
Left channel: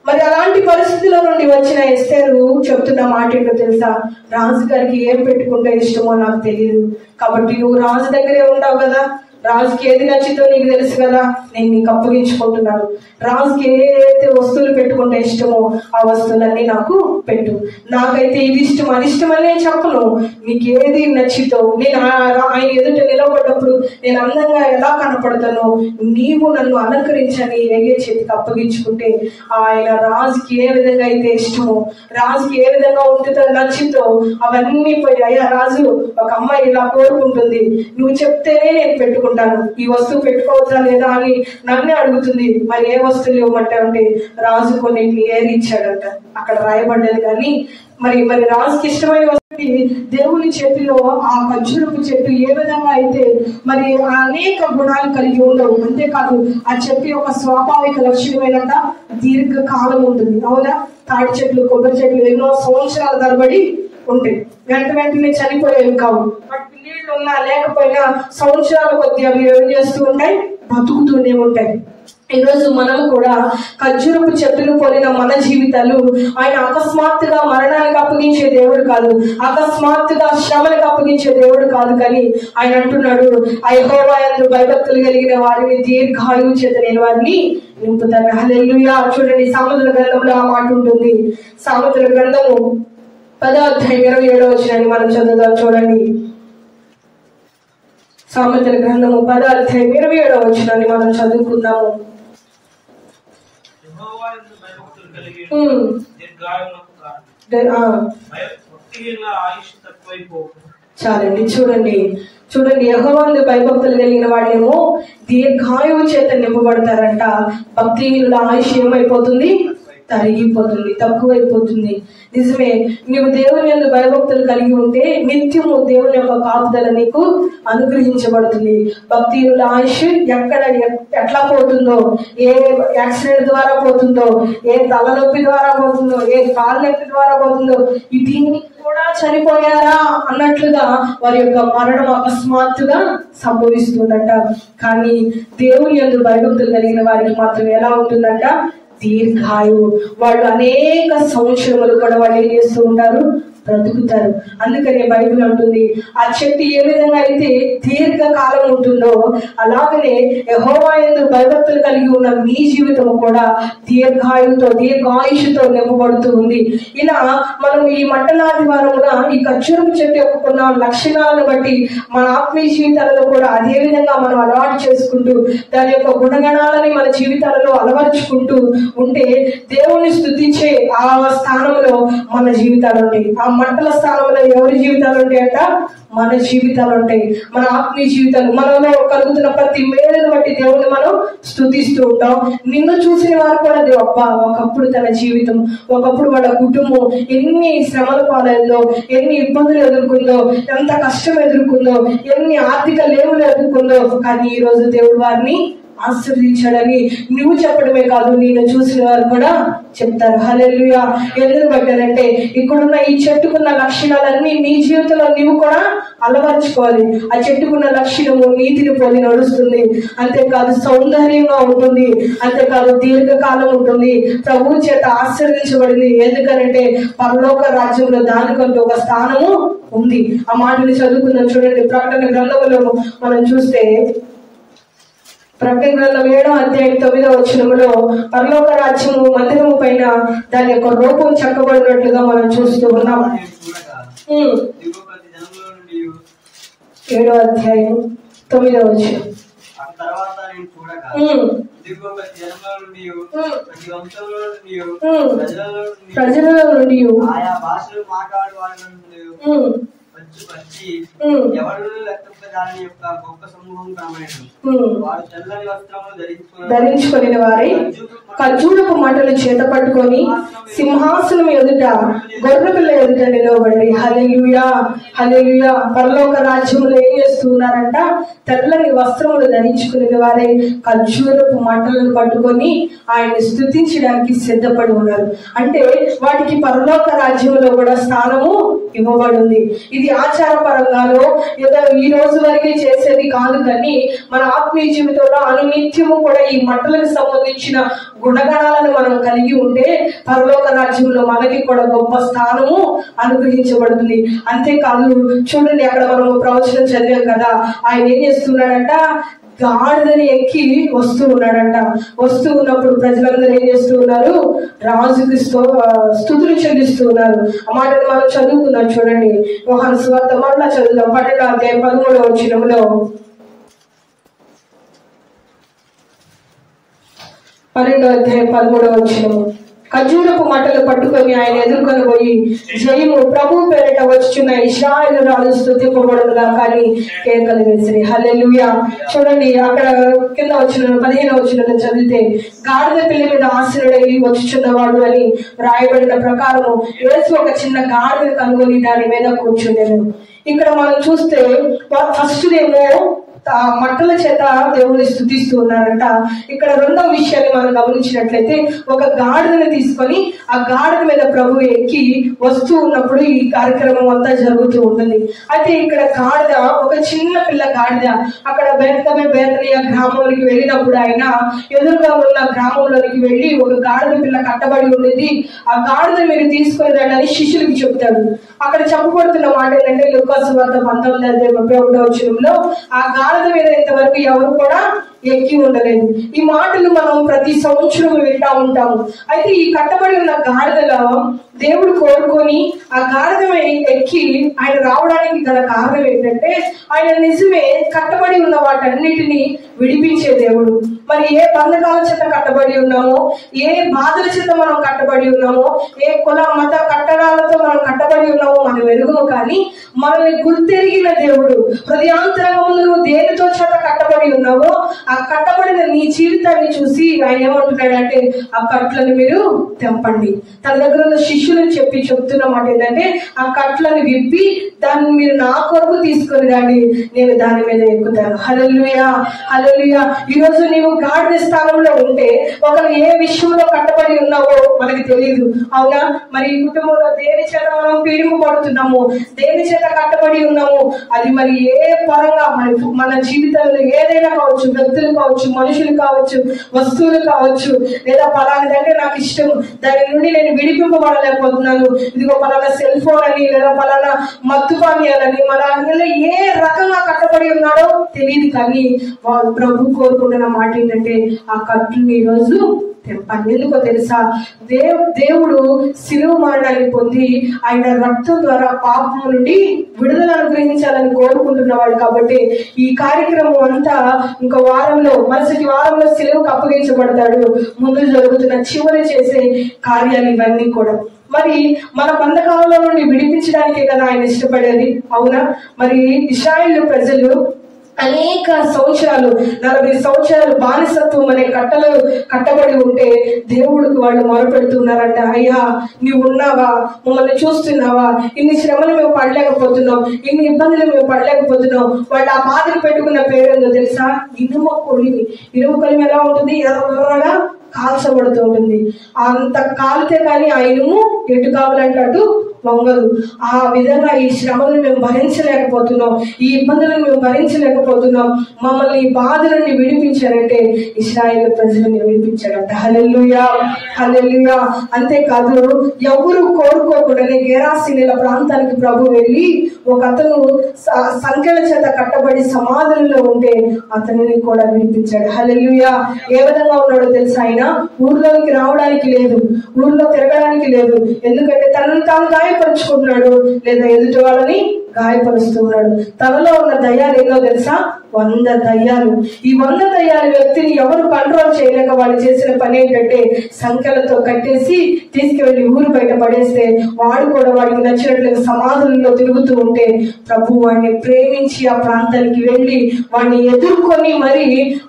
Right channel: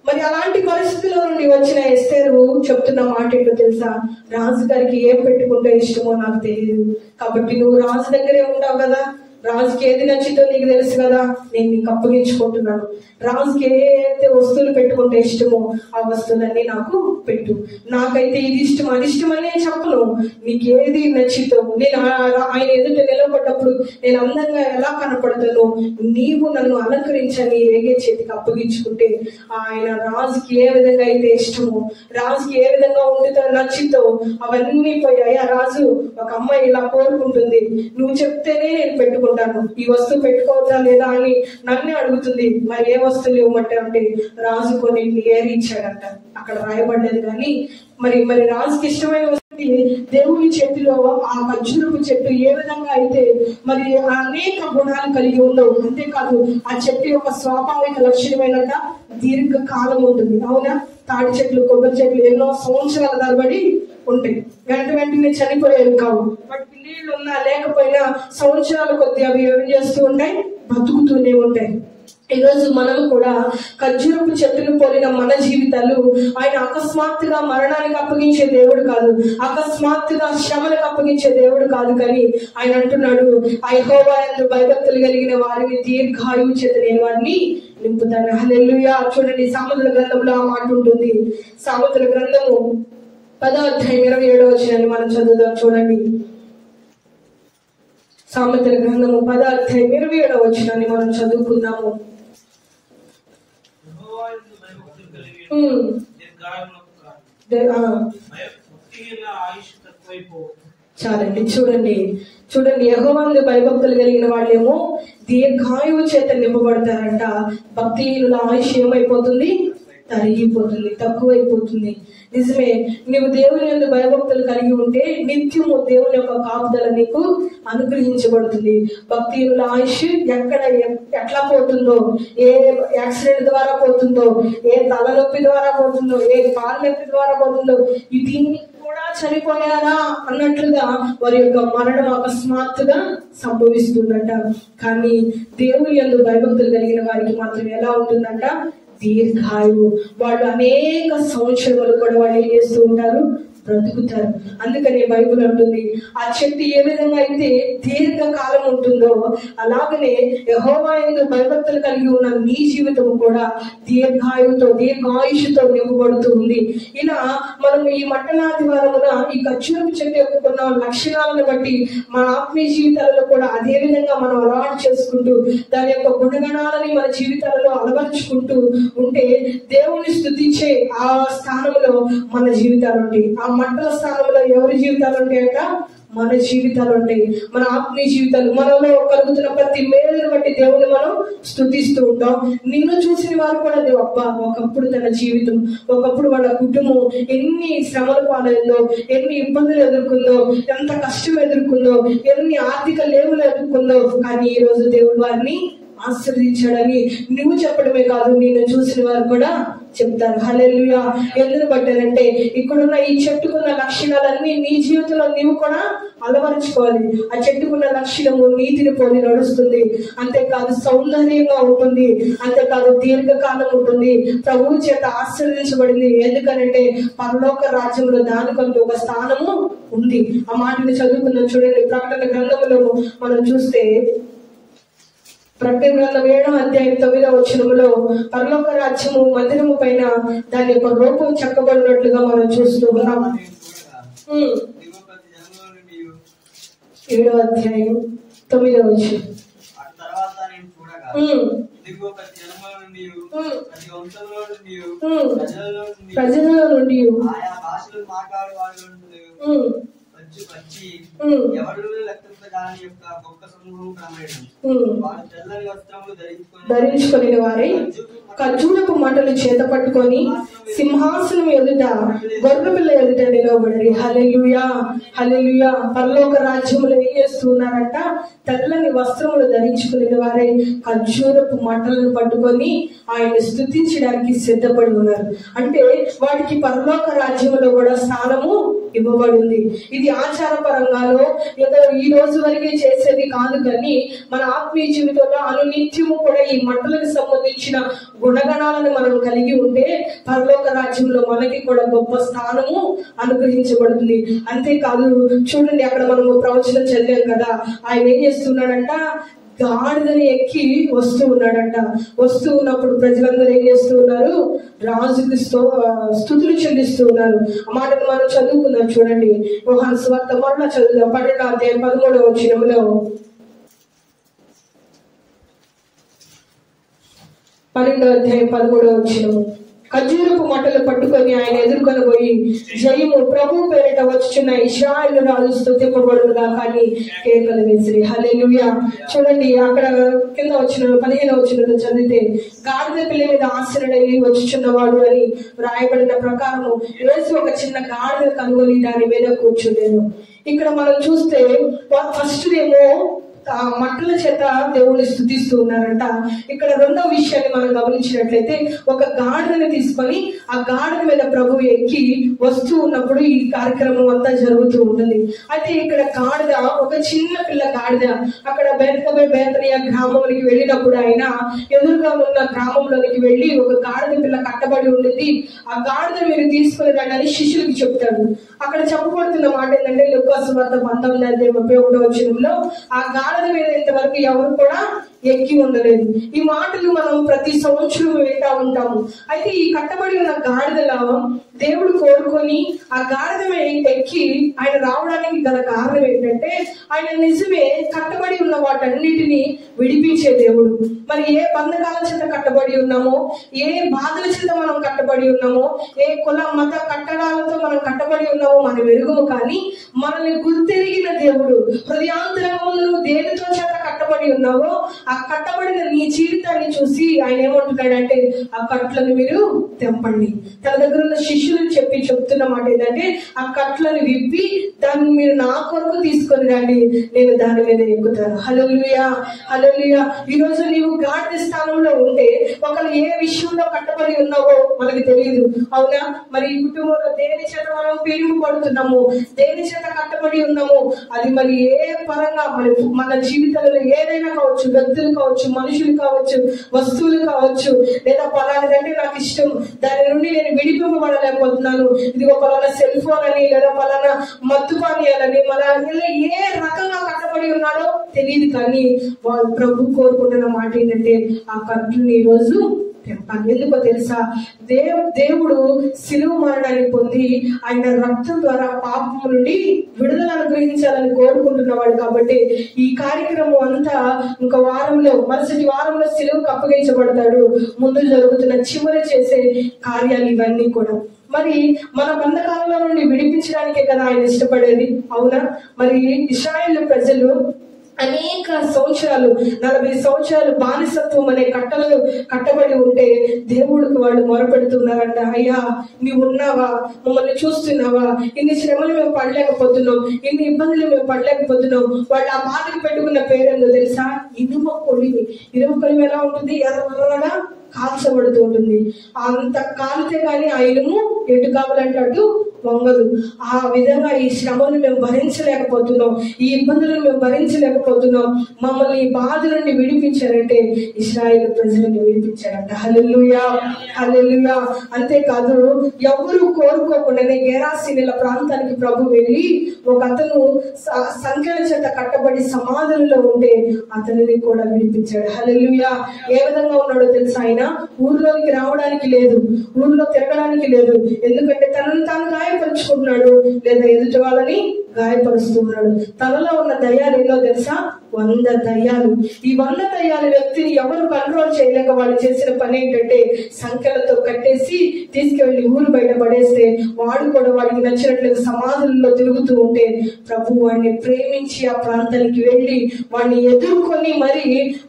మరి అలాంటి పరిస్థితిలో నుండి వచ్చిన ఎస్తేరు చెప్తున్న మాట ఏంటో తెలుసా? రాజు గారికి ఏం పెట్టుకుంటే ఇష్టమో నాకు తెలియదు, కాబట్టి నువ్వు రాజు దగ్గరే ఉంటావు కదా, రాజుకి ఏది నచ్చిందో నీకు తెలుసు కదా, నేను నీకు అప్పగించుకుంటున్నాను. రాజుకి ఏదైతే వస్తువులు పెట్టుకుంటే ఇష్టమో ఆ వస్తువులన్నీ నాకు పెట్టు. నాకైతే ఇది ఇష్టం, అది ఇష్టం అని నేను చెప్పను. నీకు ఏది నచ్చితో, నేను ఆయన ఎదుట నిలబడ్డప్పుడు నేను అందంగా ఎలా కనపడతానో నీవు నన్ను అలంకరించని ఏగే చేతికి అప్పగించుకుంటే, ఆయన రాజుకి ఏ విధంగా అయితే ఇష్టమో, రాజుకి ఏ విధంగా ఉంటుందో నచ్చిందో అవన్నీ పోయి, అయ్యా రాజు ఒక అమ్మాయి ఇలా కోరుకుంటుంది, నువ్వు చెప్తేనే నేను పెట్టుకుంటాను, ఈ వస్తువు పెట్టుకోవచ్చా లేదా అని నన్నే అడుగుతుంది. మరి ఏ వస్తువులు ఇవ్వమంటే అంటే రాజు కొన్నింటిని ఏరి ఇచ్చాడంట. అక్కడ రాయబడ్డది. కానీ మరి రాజుకి ఇష్టమైన వస్తువు దేవుని చేతిలో ఆ ఖర్జూరపు చెట్టు ఏ విధంగా అయితే మరి అనేక గుణాలు కలిగి ఉండవు. అంతేకాదు ఆ చెట్టు యొక్క స్వాభావిక లక్షణమేనంట దీర్ఘకాలం ఉంటుంది. అవునా? తాటి చెట్లు, కొబ్బరి చెట్లు ఎన్నో సంవత్సరాల తరబడి ఉంటాయి. వెంటనే చనిపోయేవి కావు. నీళ్లు ఉన్నా లేకపోయినా సంవత్సరాల కొద్ది అవి ఏం చేస్తూ ఉంటాయి? బతుకుతూనే ఉంటాయి. ఈరోజు మనము కూడా ఖర్జూరపు చెట్టును పోలిన మన జీవితాలు, ఆయన అకస్మాత్తుగా మరణానికి అప్పగించే దేవుడు కాదు, అకస్మాత్తుగా శ్రమలకు అప్పగించే దేవుడు కాదు. కానీ ఆయన అంటున్నాడు, యెహోవా యందు భయభక్తులు కలిగిన వారిని దీర్ఘాయువు చేత నేను వారిని నింపుతాను. హల్లెలూయా. చూడండి, సామెతల గ్రంథంలో ఆ మాట ఉంటుంది. సామెతల గ్రంథము 10వ అధ్యాయం 27వ వచనాన్ని మనం చదువుదాం. చూడండి, సామెతల గ్రంథము 10వ అధ్యాయం 27వ వచనాన్ని మనం చదువుకుందాము. చాలండి. చూడండి యెహోవాను భయభక్తులు కలిగిన వాళ్ళేమో దీర్ఘాయువు చేత నింపబడతారంట. భక్తిహీనుల ఆయుష్ ఏమైపోతుంది? తరిగిపోతుంది, తక్కువైపోతుంది. నిజమే, నీవు దేవుని యందు భయభక్తులు కలిగి ఉంటే నిత్యము దేవుని యొక్క కాపుదల నీకు అనుగ్రహించబడుతుంది. భక్తిహీనుల ఆయుష్ ఎట్లా పోతుందో, ఏ యాక్సిడెంట్ ద్వారా పోతుందో, ఏ తలనొప్పి ద్వారా పోతుందో, ఏ కాళ్ళ నొప్పి ద్వారా పోతుందో, దీన్ని కూడా చనిపోయారా అన్నట్లుగా వారి యొక్క మరణం అకస్మాత్తుగా సంభవిస్తుందంట. కానీ దేవుని యందు భయభక్తులు కలిగిన వారికి మాత్రం ఎలా ఉంటుందంట? దీర్ఘాయువు. వాళ్ళు అనేక సంవత్సరములు కూడా వాళ్ళు ఏం చేస్తూ ఉంటారు? బ్రతుకుతారు. అందుకని బైబిల్ అంటుంది, ఆ చెట్టు ఏ విధంగా అయితే దీర్ఘకాలం ఉంటుందో అలాగనే యెహోవా యందు భయభక్తులు కలిగి ఉన్న మీ జీవితం కూడా దీర్ఘాయుషుతో నింపబడుతూ ఉంది. ఇలా మనం ఈ మండలాది వారమున ఈ ఖర్జూరపు చెట్టు యొక్క కొన్ని లక్షణాలను బట్టి మన ఆత్మీయ జీవితాలలో కూడా అదే విధంగా మనం అలవాటు చేసుకుంటూ దాని యొక్క గుణగణాలని మన జీవితాలలో అలవర్చుకుంటూ ఉంటే దేవుణ్ణి స్తుతించే ఆ స్థానంలో మన జీవితాలు ఉంటాయి. ఆ మంటల స్థానంలో ఎవరి జీవితాలు ఉంటాయంట? మన జీవితాలు ఉంటాయి. మన ఆత్మీయ జీవితాలు, మనలో కలుగుతున్న ప్రతి మేలును బట్టి దేవుణ్ణి మనం స్తుతిస్తూ ఉంటాం. నిన్ను చూసిన వారు కూడా అబ్బా, ఒకప్పుడు తన జీవితం, ఒకప్పుడు వాళ్ళ కుటుంబం ఎన్ని శ్రమల పాలైందో, ఎన్ని ఇబ్బందులు ఎదుర్కొందో, ఎంత కష్టం ఎదుర్కొందో, ఎన్ని ఆర్థిక లేవులు ఎదుర్కొందో, కానీ ఈ రోజు దేవుడు వారిని ఆశీర్వదించాడని నువ్వు చెప్పడమే కాదు, నిన్ను చూసిన వారు కూడా చెప్తారు. హల్లెలూయా. ఎందుకు పెట్టారంటే ఇక్కడున్న ఈ చెట్టుకున్న లక్షణాలన్నీ నీ జీవితంలో నీవు కూడా అలవర్చుకోవాలి. ఆ చెట్టుకున్న లక్షణము నీతిని పోలి నడుస్తుంది, అంతేకాదు సౌందర్యంగా ఉంటుంది, అంతేకాదు దీర్ఘకాలం ఉంటుంది, ప్రభు చేత ఆశీర్వదించబడింది. ఎందుకనంటే పరలోక రాజ్యంలో దానికంటూ ఒక స్థానము ఉంది. ఆ మాటని చదువుకుందాం. చూడండి, ప్రకటన గ్రంథములో మనం చూస్తే ప్రకటన గ్రంథం 7వ అధ్యాయం 9వ వచనములో పరలోక రాజ్యము మందిరము పైన దాని యొక్క రూపం చెక్కబడినట్లుగా మనం చూస్తూ ఉన్నాం. 7వ అధ్యాయం 9వ వచనం. ప్రజల నుండి ఆయా భాషలు మాట్లాడే వారి నుండి ధరించుకుని వారి ఖర్జూరపు మంటలు చేత పట్టుకొని సింహాసనం ఎదుట గొర్రెపిల్ల ఎదుట నిలవబడి హల్లెలూయా హల్లెలూయా. పరలోక రాజ్యములు ఏం చేస్తున్నారంట? తెల్లని వస్త్రములు ధరించుకునే వారే ఖర్జూరపు మంటలను పట్టుకొని ఆయన్ని స్తుతించడానికి సిద్ధపడి ఉన్నారు. అంటే వాటికి పరలోక రాజ్యములో కూడా స్థానము ఇవ్వబడింది. ఇది ఆచారపరంగానో ఏదో ఈ రోజు వరకే చేసేది కాదు, కానీ మన ఆత్మీయ జీవితంలో అనునిత్యము కూడా ఈ మంటలకు సంబంధించిన గుణగణాలను మనం కలిగి ఉంటే పరలోక రాజ్యంలో మనకి కూడా గొప్ప స్థానము అనుగ్రహించబడుతుంది. అంతేకాదు, చూడండి, అక్కడ మనము ప్రవచనం చదివాం కదా, ఆయన ఏం చేస్తున్నాడంట? గాడిదని ఎక్కి వస్తూ ఉన్నాడంట. వస్తూ ఉన్నప్పుడు ప్రజలందరూ ఏం చేస్తూ ఉన్నారు? రాజుకి స్తుతులు చెల్లిస్తూ ఉన్నారు. ఆ మాటను మనం చదువుకున్నాం. చూడండి, యోహాను సువార్త మరలా చదువుదాం. 12వ అధ్యాయం 13వ వచనంలో 12వ అధ్యాయం 13వ వచనము. ఖర్జూరపు మంటలు పట్టుకొని ఆయన ఎదుర్కొని పోయి జయము ప్రభు పేరిట వచ్చుచున్న ఇశ్రాయేలు రాజు స్తుతింపబడునుగా కానీ కేకలు వేసిరి. హల్లెలూయా. చూడండి, అక్కడ కింద వచ్చిన 15వ వచనం చదివితే గాడిద పిల్ల మీద ఆశ్రయుడై వచ్చుచున్నవాడు అని రాయబడిన ప్రకారము యేసు ఒక చిన్న గాడిద కనుగొని దాని మీద కూర్చుండెను. ఇక్కడ మనం చూస్తే ఫస్ట్ ఏమో మంటల చేత దేవుని స్తుతిస్తూ ఉన్నారంట. ఇక్కడ రెండవ విషయాన్ని మనం గమనించినట్లయితే ఒక గాడిదని తీసుకొని ఆ గాడిద మీద ప్రభు ఎక్కి వస్తూ ఉన్నప్పుడు ఈ కార్యక్రమం అంతా జరుగుతూ ఉంటుంది. అయితే ఇక్కడ గాడిద ఒక చిన్న పిల్ల గాడిద అక్కడ బేతనియ గ్రామంలోకి వెళ్ళినప్పుడు ఆయన ఎదురుగా ఉన్న గ్రామంలోనికి వెళ్ళి ఒక గాడిద పిల్ల కట్టబడి ఉండేది, ఆ గాడిద మీరు తీసుకొని రండి అని శిష్యులకి చెప్తాడు. అక్కడ చెప్పబడుతున్న మాట ఏంటంటే లూకా సువార్త 19వ అధ్యాయం 31వ వచనంలో ఆ గాడిద మీద ఇంతవరకు ఎవరు కూడా ఎక్కి ఉండలేదు. ఈ మాటలు మనం ప్రతి సంవత్సరం వింటా ఉంటాము. అయితే ఈ కట్టబడి ఉన్న గాడిదలో దేవుడు కోరుకొని ఆ గాడిద ఎక్కి ఆయన రావడానికి గల కారణం ఏంటంటే ఆయన నిజమే కట్టబడి ఉన్న వాటన్నిటిని విడిపించే దేవుడు. మరి ఏ బంధకాల చేత కట్టబడి ఉన్నామో, ఏ బాధల చేత మనం కట్టబడి ఉన్నామో, ఏ కుల మత కట్టడాలతో మనం కట్టబడి ఉన్నామో మనం ఎరుగుము, కానీ మనల్ని గుర్తెరిగిన దేవుడు. హృదయాంతరంగంలో నువ్వు దేనితో చేత కట్టబడి ఉన్నావో ఆ కట్టబడిన నీ జీవితాన్ని చూసి ఆయన ఏమంటున్నాడంటే ఆ కట్లను మీరు తెంపండి. తన దగ్గర ఉన్న శిష్యులను చెప్తున్న మాట ఏంటంటే ఆ కట్లను విప్పి దాన్ని మీరు నా కొరకు తీసుకొని రండి, నేను దాని మీద ఎక్కుతాను. హల్లెలూయా హల్లెలూయా. ఈ రోజు నీవు గాడిద స్థానంలో ఉంటే ఒకరు ఏ విషయంలో కట్టబడి ఉన్నావో మనకి తెలియదు, అవునా? మరి ఈ కుటుంబంలో దేని చేత మనం పీడింపబడుతున్నాము, దేని చేత కట్టబడి ఉన్నాము, అది మరి ఏ పరంగా మన జీవితంలో ఏదైనా కావచ్చు, వ్యక్తులు కావచ్చు, మనుషులు కావచ్చు, వస్తువులు కావచ్చు, లేదా పలానాదంటే నాకు ఇష్టం, దాని నుండి నేను విడిపింపబడలేకపోతున్నాను, ఇదిగో పలానా సెల్ ఫోన్ అని, లేదా పలానా మత్తుపానీయాలని, మన అందులో ఏ రకంగా కట్టబడి ఉన్నాడో తెలియదు, కానీ వాళ్ళు ప్రభు కోరుకుంటున్న మాట ఏంటంటే ఆ కట్టుని ఈరోజు తెంపాలి. ఎందుకో తెలుసా? దేవుడు శిలువ మరణాన్ని పొంది ఆయన రక్తం ద్వారా పాపం నుండి విడుదల అనుగ్రహించాలని కోరుకుంటున్నవాడు. కాబట్టి ఈ కార్యక్రమం అంతా ఇంకో వారంలో, మరుసటి వారంలో శిలువకు అప్పగించబడతాడు. ముందు జరుగుతున్న చివరి చేసే కార్యాలు ఇవన్నీ కూడా మరి మన బంధకాలలో నుండి విడిపించడానికే కదా ఆయన ఇష్టపడేది, అవునా? మరి ఇశ్రాయేలు ప్రజలు అనేక సంవత్సరాలు 40 సంవత్సరాలు బానిసత్వం అనే కట్టలు కట్టబడి ఉంటే దేవుడికి వాళ్ళు మొరపెడుతున్నారంట, అయ్యా నీవు ఉన్నావా, మమ్మల్ని చూస్తున్నావా, ఇన్ని శ్రమలు మేము పడలేకపోతున్నాం, ఇన్ని ఇబ్బందులు మేము పడలేకపోతున్నాం. వాళ్ళు ఆ బాధకు పెట్టుకున్న పేరేందో తెలుసా? ఇనుమ కొలిమి. ఇనుమ కొలిమి ఎలా ఉంటుంది? ఎర్రగా కాల్చబడుతూ ఉంటుంది. అంత కాలితే కానీ ఆ ఇనుము ఎటు కావాలంటే అటు వంగదు. ఆ విధంగా ఈ శ్రమలను మేము భరించలేకపోతున్నాం, ఈ ఇబ్బందులను మేము భరించలేకపోతున్నాం, మమ్మల్ని ఈ బాధ నుండి విడిపించారంటే ఇశ్రాయేలు ప్రజలను విడిపించాడంట. హల్లెలూయా, హల్లెలూయా. అంతేకాదు, ఎవరు కోరుకోకుండానే గెరాసీనుల ప్రాంతానికి ప్రభు వెళ్ళి ఒక అతను సంఖ్యల చేత కట్టబడి సమాధులలో ఉంటే అతనిని కూడా విడిపించాడు. హల్లెలూయా. ఏ విధంగా ఉన్నాడో తెలుసా? ఆయన ఊర్లోకి రావడానికి లేదు, ఊర్లో తిరగడానికి లేదు. ఎందుకంటే తనను తాను గాయపరుచుకుంటున్నాడు, లేదా ఎదుటి వాళ్ళని గాయపరుస్తున్నాడు. తనలో ఉన్న దయ్యాలు ఏదో తెలుసా? 100 దయ్యాలు. ఈ 100 దయ్యాల వ్యక్తిని ఎవరు కంట్రోల్ చేయలేక వాళ్ళు చేసిన పని ఏంటంటే సంఖ్యలతో కట్టేసి తీసుకువెళ్ళి ఊరు బయట పడేస్తే వాడు కూడా వాడికి నచ్చినట్లుగా సమాధులలో తిరుగుతూ ఉంటే ప్రభు వాడిని ప్రేమించి ఆ ప్రాంతానికి వెళ్ళి వాడిని ఎదుర్కొని మరి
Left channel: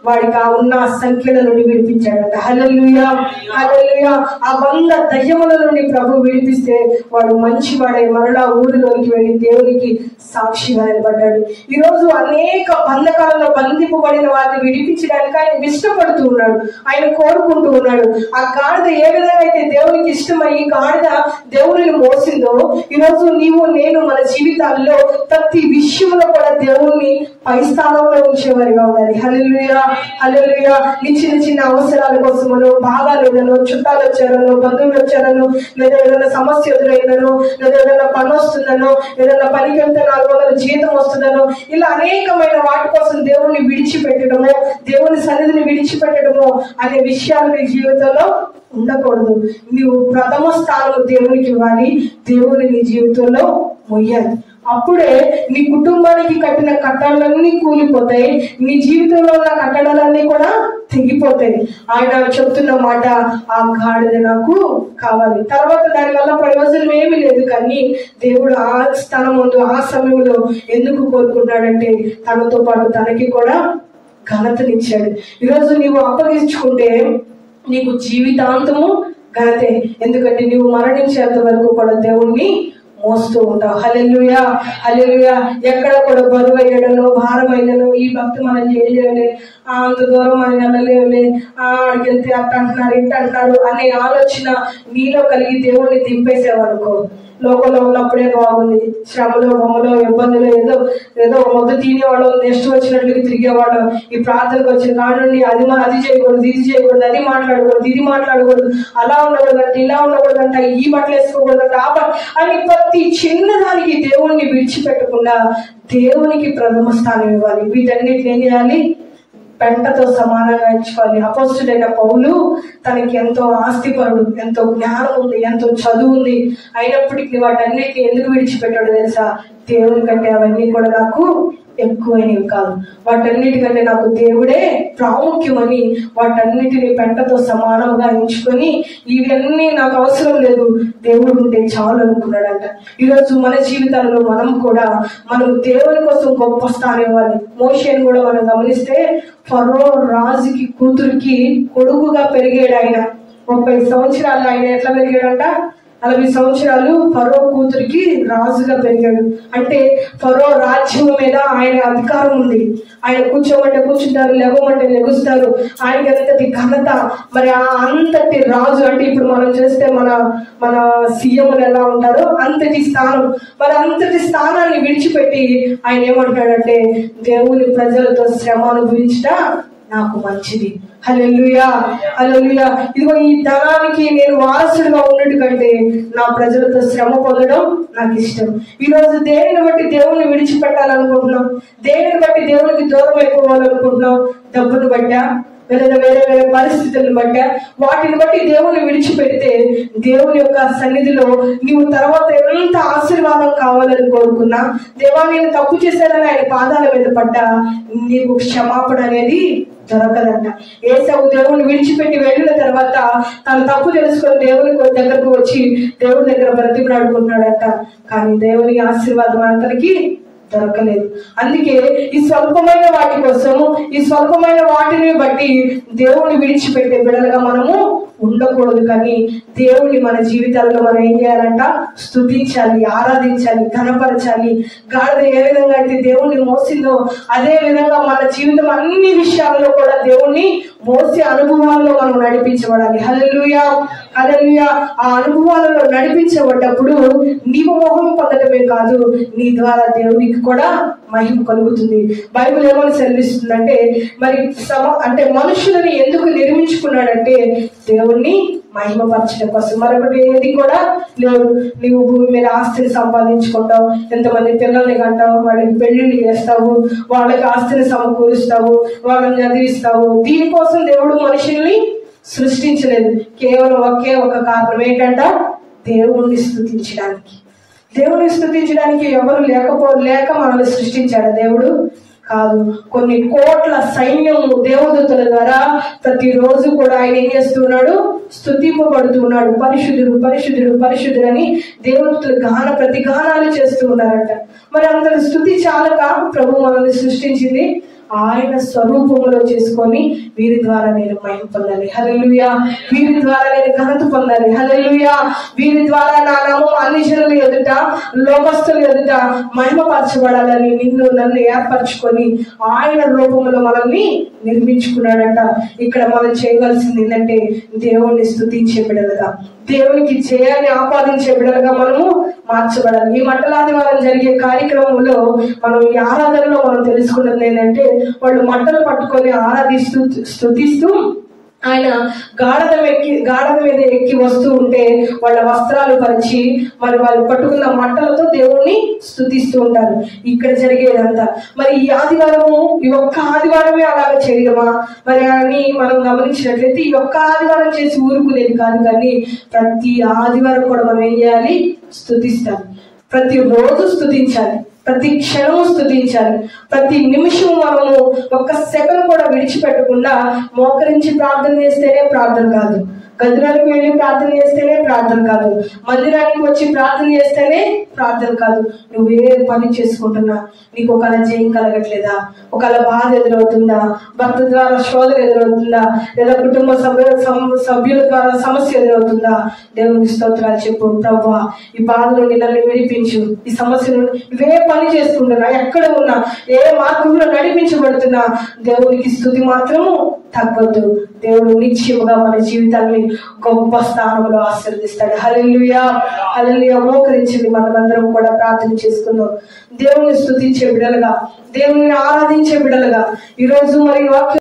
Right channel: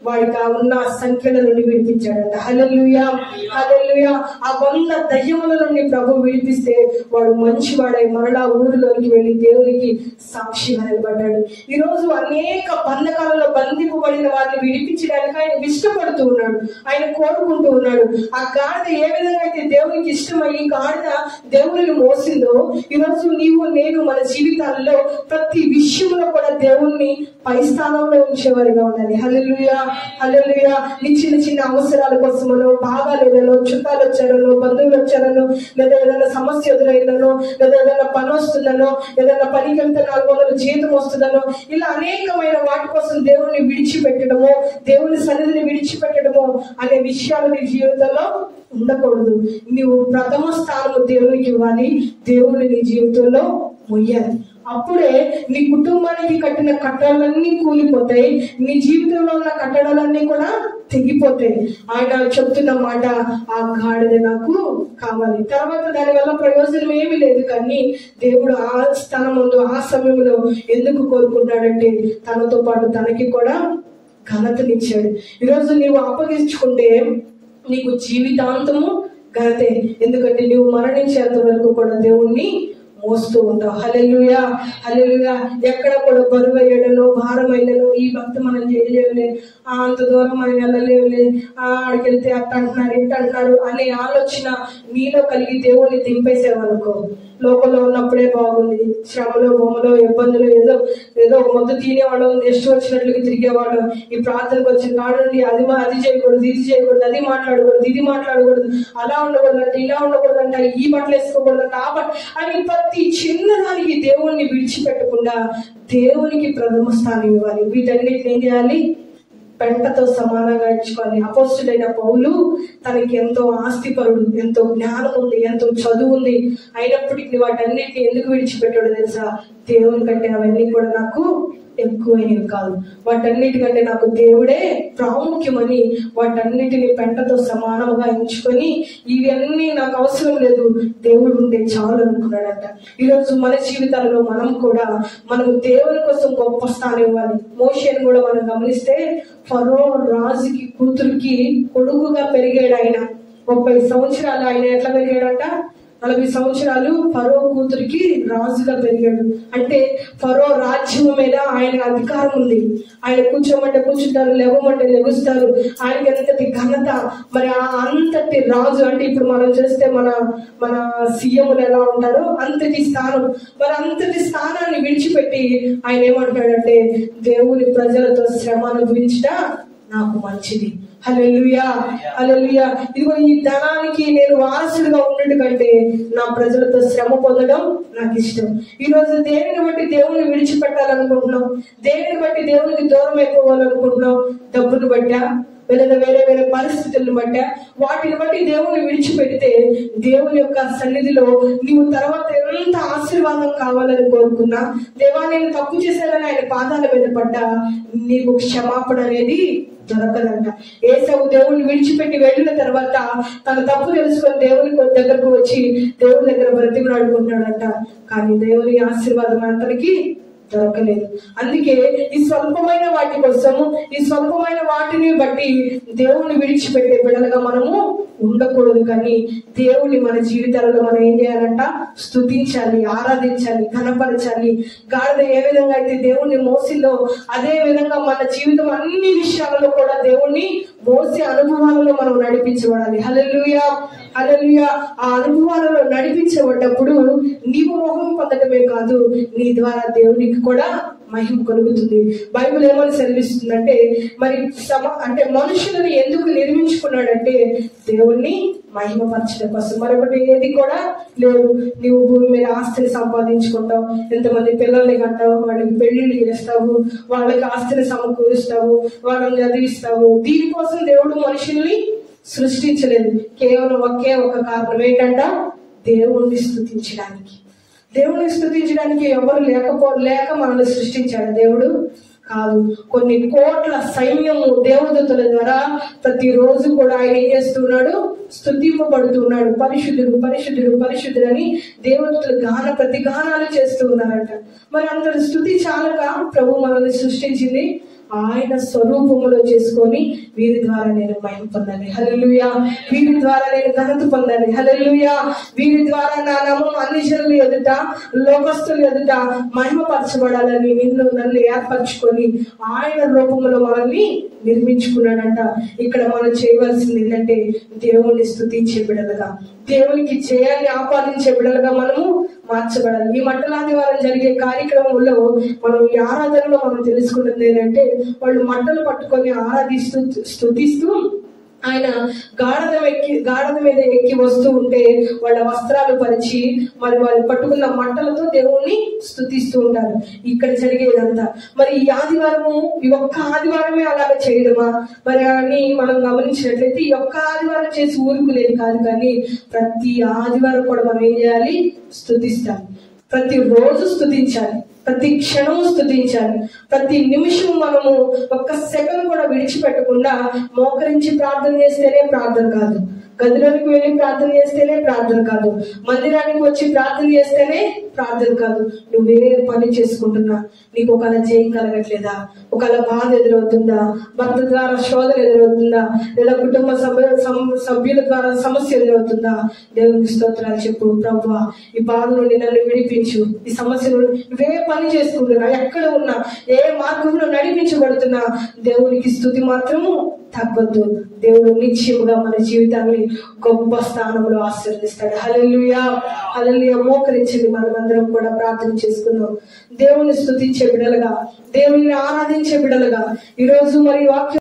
వాడికి ఆ ఉన్న సంఖ్యల నుండి విడిపించాడట. హల్లెలూయా, హల్లెలూయా. ఆ 100 దయ్యముల నుండి ప్రభు విడిపిస్తే వాడు మంచివాడై మరలా ఊరిలోనికి వెళ్ళి దేవునికి సాక్షిగా నిలబడ్డాడు. ఈరోజు అనేక బంధకాలలో బంధింపబడిన వారిని విడిపించడానికి ఆయన ఇష్టపడుతూ ఉన్నాడు, ఆయన కోరుకుంటూ ఉన్నాడు. ఆ గాడిద ఏ విధంగా అయితే దేవునికి ఇష్టమై ఈ గాడిద దేవుని మోసిందో, ఈరోజు నీవు నేను మన జీవితాల్లో ప్రతి విషయంలో కూడా దేవుణ్ణి పై స్థానంలో ఉంచేవారిగా ఉండాలి. హల్లెలూయా, హల్లెలూయా. నీ చిన్న చిన్న అవసరాల కోసమనో, బాగాలేదనో, చుట్టాలు వచ్చారనో, బంధువులు వచ్చారనో, లేదా ఏదైనా సమస్య ఎదురైందనో, లేదా ఏదైనా పని వస్తుందనో, ఏదైనా పనికి వెళ్తే 400 జీతం వస్తుందనో, ఇలా అనేకమైన వాటి కోసం దేవుణ్ణి విడిచిపెట్టడమో, దేవుని సన్నిధిని విడిచిపెట్టడమో అనే విషయాలు నీ జీవితంలో ఉండకూడదు. నువ్వు ప్రథమ స్థానం దేవునికి ఇవ్వాలి, దేవుని నీ జీవితంలో మొయ్యాలి. అప్పుడే నీ కుటుంబానికి కట్టిన కట్టడాలన్నీ కూలిపోతాయి, నీ జీవితంలో ఉన్న కట్టడాలన్నీ కూడా తెగిపోతాయి. ఆయన చెప్తున్న మాట, ఆ గాడిద నాకు కావాలి. తర్వాత దానివల్ల ప్రయోజనం ఏమీ లేదు, కానీ దేవుడు ఆ స్థానం ముందు ఆ సమయంలో ఎందుకు కోరుకుంటాడంటే తనతో పాటు తనకి కూడా ఘనతనిచ్చాడు. ఈరోజు నీవు అప్పగించుకుంటే నీకు జీవితాంతము ఘనతే. ఎందుకంటే నీవు మరణించేంత వరకు కూడా దేవుణ్ణి మోస్తూ ఉంటావు. హల్లెలూయా, హల్లెలూయా. ఎక్కడ కూడా బరువు అయ్యడను, భారమైనను, ఈ భక్తి మనం చేయలేవులే, అంత దూరం మనం వెళ్ళలేవులే, ఆడికి వెళ్తే అట్ట అంటున్నారు ఇట్ట అంటున్నారు అనే ఆలోచన నీలో కలిగి దేవుణ్ణి దింపేసేవనుకో, లోకంలో ఉన్నప్పుడే బాగుంది, శ్రమలో బొమ్మలో ఇబ్బందులు ఏదో ఏదో మొదలు తినేవాళ్ళం, నెక్స్ట్ వచ్చినట్లుగా తిరిగేవాళ్ళం. ఈ ప్రార్థనకు వచ్చిన కాడండి అది చేయకూడదు, ఇది చేయకూడదు, అది మాట్లాడకూడదు, ఇది మాట్లాడకూడదు, అలా ఉండకూడదంట, ఇలా ఉండకూడదంట, ఈ బట్టలు వేసుకోకూడదంట, ఆ బట్టలు అని ప్రతి చిన్నదానికి దేవుణ్ణి విడిచిపెట్టకుండా దేవునికి ప్రథమ స్థానం ఇవ్వాలి. వీటన్నిటిని ఏం చేయాలి? పెంటతో సమానంగా ఎంచుకోవాలి. అపోస్తుడైన పౌలు తనకి ఎంతో ఆస్తిపరుడు, ఎంతో జ్ఞానం ఉంది, ఎంతో చదువు ఉంది, అయినప్పటికీ వాటన్నిటిని ఎందుకు విడిచిపెట్టాడు తెలుసా? దేవుని కంటే అవన్నీ కూడా నాకు ఎక్కువైనవి కాదు, వాటన్నిటికంటే నాకు దేవుడే ప్రాముఖ్యమని వాటన్నిటిని పెంటతో సమానంగా ఎంచుకొని ఇవన్నీ నాకు అవసరం లేదు, దేవుడు ఉంటే చాలు అనుకున్నాడంట. ఈరోజు మన జీవితాలలో మనం దేవుని కోసం గొప్ప స్థానం ఇవ్వాలి. మోషేని కూడా మనం గమనిస్తే ఫరో రాజుకి కూతురికి కొడుకుగా పెరిగాడు. ఆయన 30 సంవత్సరాలు ఆయన ఎట్లా పెరిగాడంట? 40 సంవత్సరాలు ఫరో కూతురికి రాజుగా పెరిగాడు. అంటే ఫరో రాజ్యం మీద ఆయన అధికారం ఉంది. ఆయన కూర్చోమంటే కూర్చుంటారు, లెగమంటే లెగుస్తారు. ఆయనకి అంతటి ఘనత. మరి ఆ అంతటి రాజు అంటే ఇప్పుడు మనం చేస్తే మన సీఎంలు ఎలా ఉంటారో అంతటి స్థానం. మరి అంతటి స్థానాన్ని విడిచిపెట్టి ఆయన ఏమంటాడంటే దేవుని ప్రజలతో శ్రమ అనుభవించట నాకు మంచిది. హల్లెలూయా, హల్లెలూయా. ఇదిగో ఈ ధనానికి నేను వారసుడిగా ఉన్నట్టు కంటే నా ప్రజలతో శ్రమ పొందడం నాకు ఇష్టం. ఈరోజు దేనిని బట్టి దేవుణ్ణి విడిచిపెట్టాలనుకుంటున్నాం, దేనిని బట్టి దేవునికి దూరం అయిపోవాలనుకుంటున్నాం? డబ్బును బట్టా, లేదా వేరే వేరే పరిస్థితులను బట్టా? వాటిని బట్టి దేవుణ్ణి విడిచిపెడితే దేవుని యొక్క సన్నిధిలో నీవు తర్వాత ఎంత ఆశీర్వాదం కావాలని కోరుకున్నా, దేవా నేను తప్పు చేశానని ఆయన పాదాల మీద పడ్డా నీకు క్షమాపణ అనేది దొరకదంట. ఏసావు దేవుని విడిచిపెట్టి వెళ్ళిన తర్వాత తన తప్పు తెలుసుకొని దేవుని దగ్గరకు వచ్చి దేవుని దగ్గర బ్రతిమలాడుకుంటున్నాడంట. కానీ దేవుని ఆశీర్వాదం అతనికి దొరకలేదు. అందుకే ఈ స్వల్పమైన వాటి కోసము, ఈ స్వల్పమైన వాటిని బట్టి దేవుని విడిచిపెట్టే బిడ్డలుగా మనము ఉండకూడదు. కానీ దేవుణ్ణి మన జీవితాల్లో మనం ఏం చేయాలంట? స్తుతించాలి, ఆరాధించాలి, ఘనపరచాలి. గాడిద ఏ విధంగా అయితే దేవుణ్ణి మోసిందో అదే విధంగా మన జీవితం అన్ని విషయాల్లో కూడా దేవుణ్ణి మోసే అనుభవాల్లో మనం నడిపించబడాలి. హల్లెలూయా, హల్లెలూయా. ఆ అనుభవాలలో నడిపించబడ్డప్పుడు నీవు మోహం పొందటమే కాదు, నీ ద్వారా దేవునికి కూడా మహిమ కలుగుతుంది. బైబిల్ ఏమని సెలవిస్తుందంటే, మరి అంటే మనుషులని ఎందుకు నిర్మించుకున్నాడంటే దేవుణ్ణి మహిమపరచడం కోసం. మరొకటి ఏది కూడా లేదు. నీవు భూమి మీద ఆస్తిని సంపాదించుకుంటావు, ఎంతమంది పిల్లల్ని కంటావు, వాళ్ళకి పెళ్లిళ్ళు చేస్తావు, వాళ్ళకి ఆస్తిని సమకూరుస్తావు, వాళ్ళని చదివిస్తావు. దీనికోసం దేవుడు మనుషుల్ని సృష్టించలేదు. కేవలం ఒకే ఒక కారణం ఏంటంట? దేవుణ్ణి స్తుతించడానికి. దేవుని స్తుతించడానికి ఎవరు లేక మనల్ని సృష్టించాడు దేవుడు? కాదు. కొన్ని కోట్ల సైన్యము దేవదూతల ద్వారా ప్రతిరోజు కూడా ఆయన ఏం చేస్తున్నాడు? స్తుతింపబడుతున్నాడు. పరిశుద్ధుడు, పరిశుద్ధుడు, పరిశుద్ధుడు అని దేవదూతలు ప్రతిగానాలు చేస్తూ ఉన్నారంట. మరి అందరి స్తుతి చాలక ప్రభు మనల్ని సృష్టించింది ఆయన స్వరూపంలో చేసుకొని వీరి ద్వారా నేను మహిమ పొందాలి. హల్లెలూయా. వీరి ద్వారా నేను ఘనత పొందాలి. హల్లెలూయా. వీరి ద్వారా నా నామం అన్ని జనుల ఎదుట, లోకస్తుల ఎదుట మహిమపరచబడాలని నన్ను ఏర్పరచుకొని ఆయన రూపంలో మనల్ని నిర్మించుకున్నాడంట. ఇక్కడ మనం చేయవలసింది ఏంటంటే దేవుణ్ణి స్తుతించే బిడ్డలుగా, దేవునికి జయాన్ని ఆపాదించే బిడ్డలుగా మనము మార్చబడాలి. ఈ మంటలాదివారం జరిగే కార్యక్రమంలో మనం ఈ ఆరాధనలో మనం తెలుసుకున్నది ఏంటంటే, వాళ్ళు మంటలు పట్టుకొని ఆరాధిస్తూ స్తుతిస్తూ ఆయన గాఢద మీద ఎక్కి వస్తూ ఉంటే వాళ్ళ వస్త్రాలు పరిచి మరి వాళ్ళు పట్టుకున్న మంటలతో దేవుణ్ణి స్తుతిస్తూ ఉంటారు. ఇక్కడ జరిగేదంతా మరి ఈ ఆదివారము, ఈ ఒక్క ఆదివారమే అలాగ చేయడమా మరి అని మనం గమనించినట్లయితే ఈ ఒక్క ఆదివారం చేసి ఊరుకునేది కాదు. కానీ ప్రతి ఆదివారం కూడా మనం ఏం చేయాలి? స్తుతిస్తాం. ప్రతి రోజు స్తుతించాలి, ప్రతి క్షణము స్తుతించాలి. ప్రతి నిమిషము మనము ఒక్క సెకండ్ కూడా విడిచిపెట్టకుండా మోకరించి ప్రార్థన చేస్తేనే ప్రార్థన కాదు, గదిలోకి వెళ్ళి ప్రార్థన చేస్తేనే ప్రార్థన కాదు, మందిరానికి వచ్చి ప్రార్థన చేస్తేనే ప్రార్థన కాదు. నువ్వే పని చేసుకుంటున్నా నీకు ఒకవేళ జయం కలగట్లేదా, ఒకవేళ బాధ ఎదురవుతుందా, భర్త ద్వారా శోధన ఎదురవుతుందా, లేదా కుటుంబ సభ్యుల ద్వారా సమస్య ఎదురవుతుందా, దేవునికి స్తోత్రాలు చెప్పు. ప్రభువా ఈ బాధ నుండి నన్ను విడిపించు, ఈ సమస్య నుండి నువ్వే పని చేసుకుంటున్నా, ఎక్కడ ఉన్నా ఏ మార్గంలో నడిపించబడుతున్నా దేవునికి స్తుతి మాత్రము తగ్గొద్దు. దేవుడు నిశ్చయముగా మన జీవితాన్ని గొప్ప స్థానంలో ఆశీర్వదిస్తాడు. హల్లెలూయా, హల్లెలూయా. మోకరించింది మనమందరం కూడా ప్రార్థన చేసుకుందాం. దేవుని స్తుతించే బిడ్డలుగా, దేవుని ఆరాధించే బిడ్డలుగా ఈరోజు మరి వాక్యం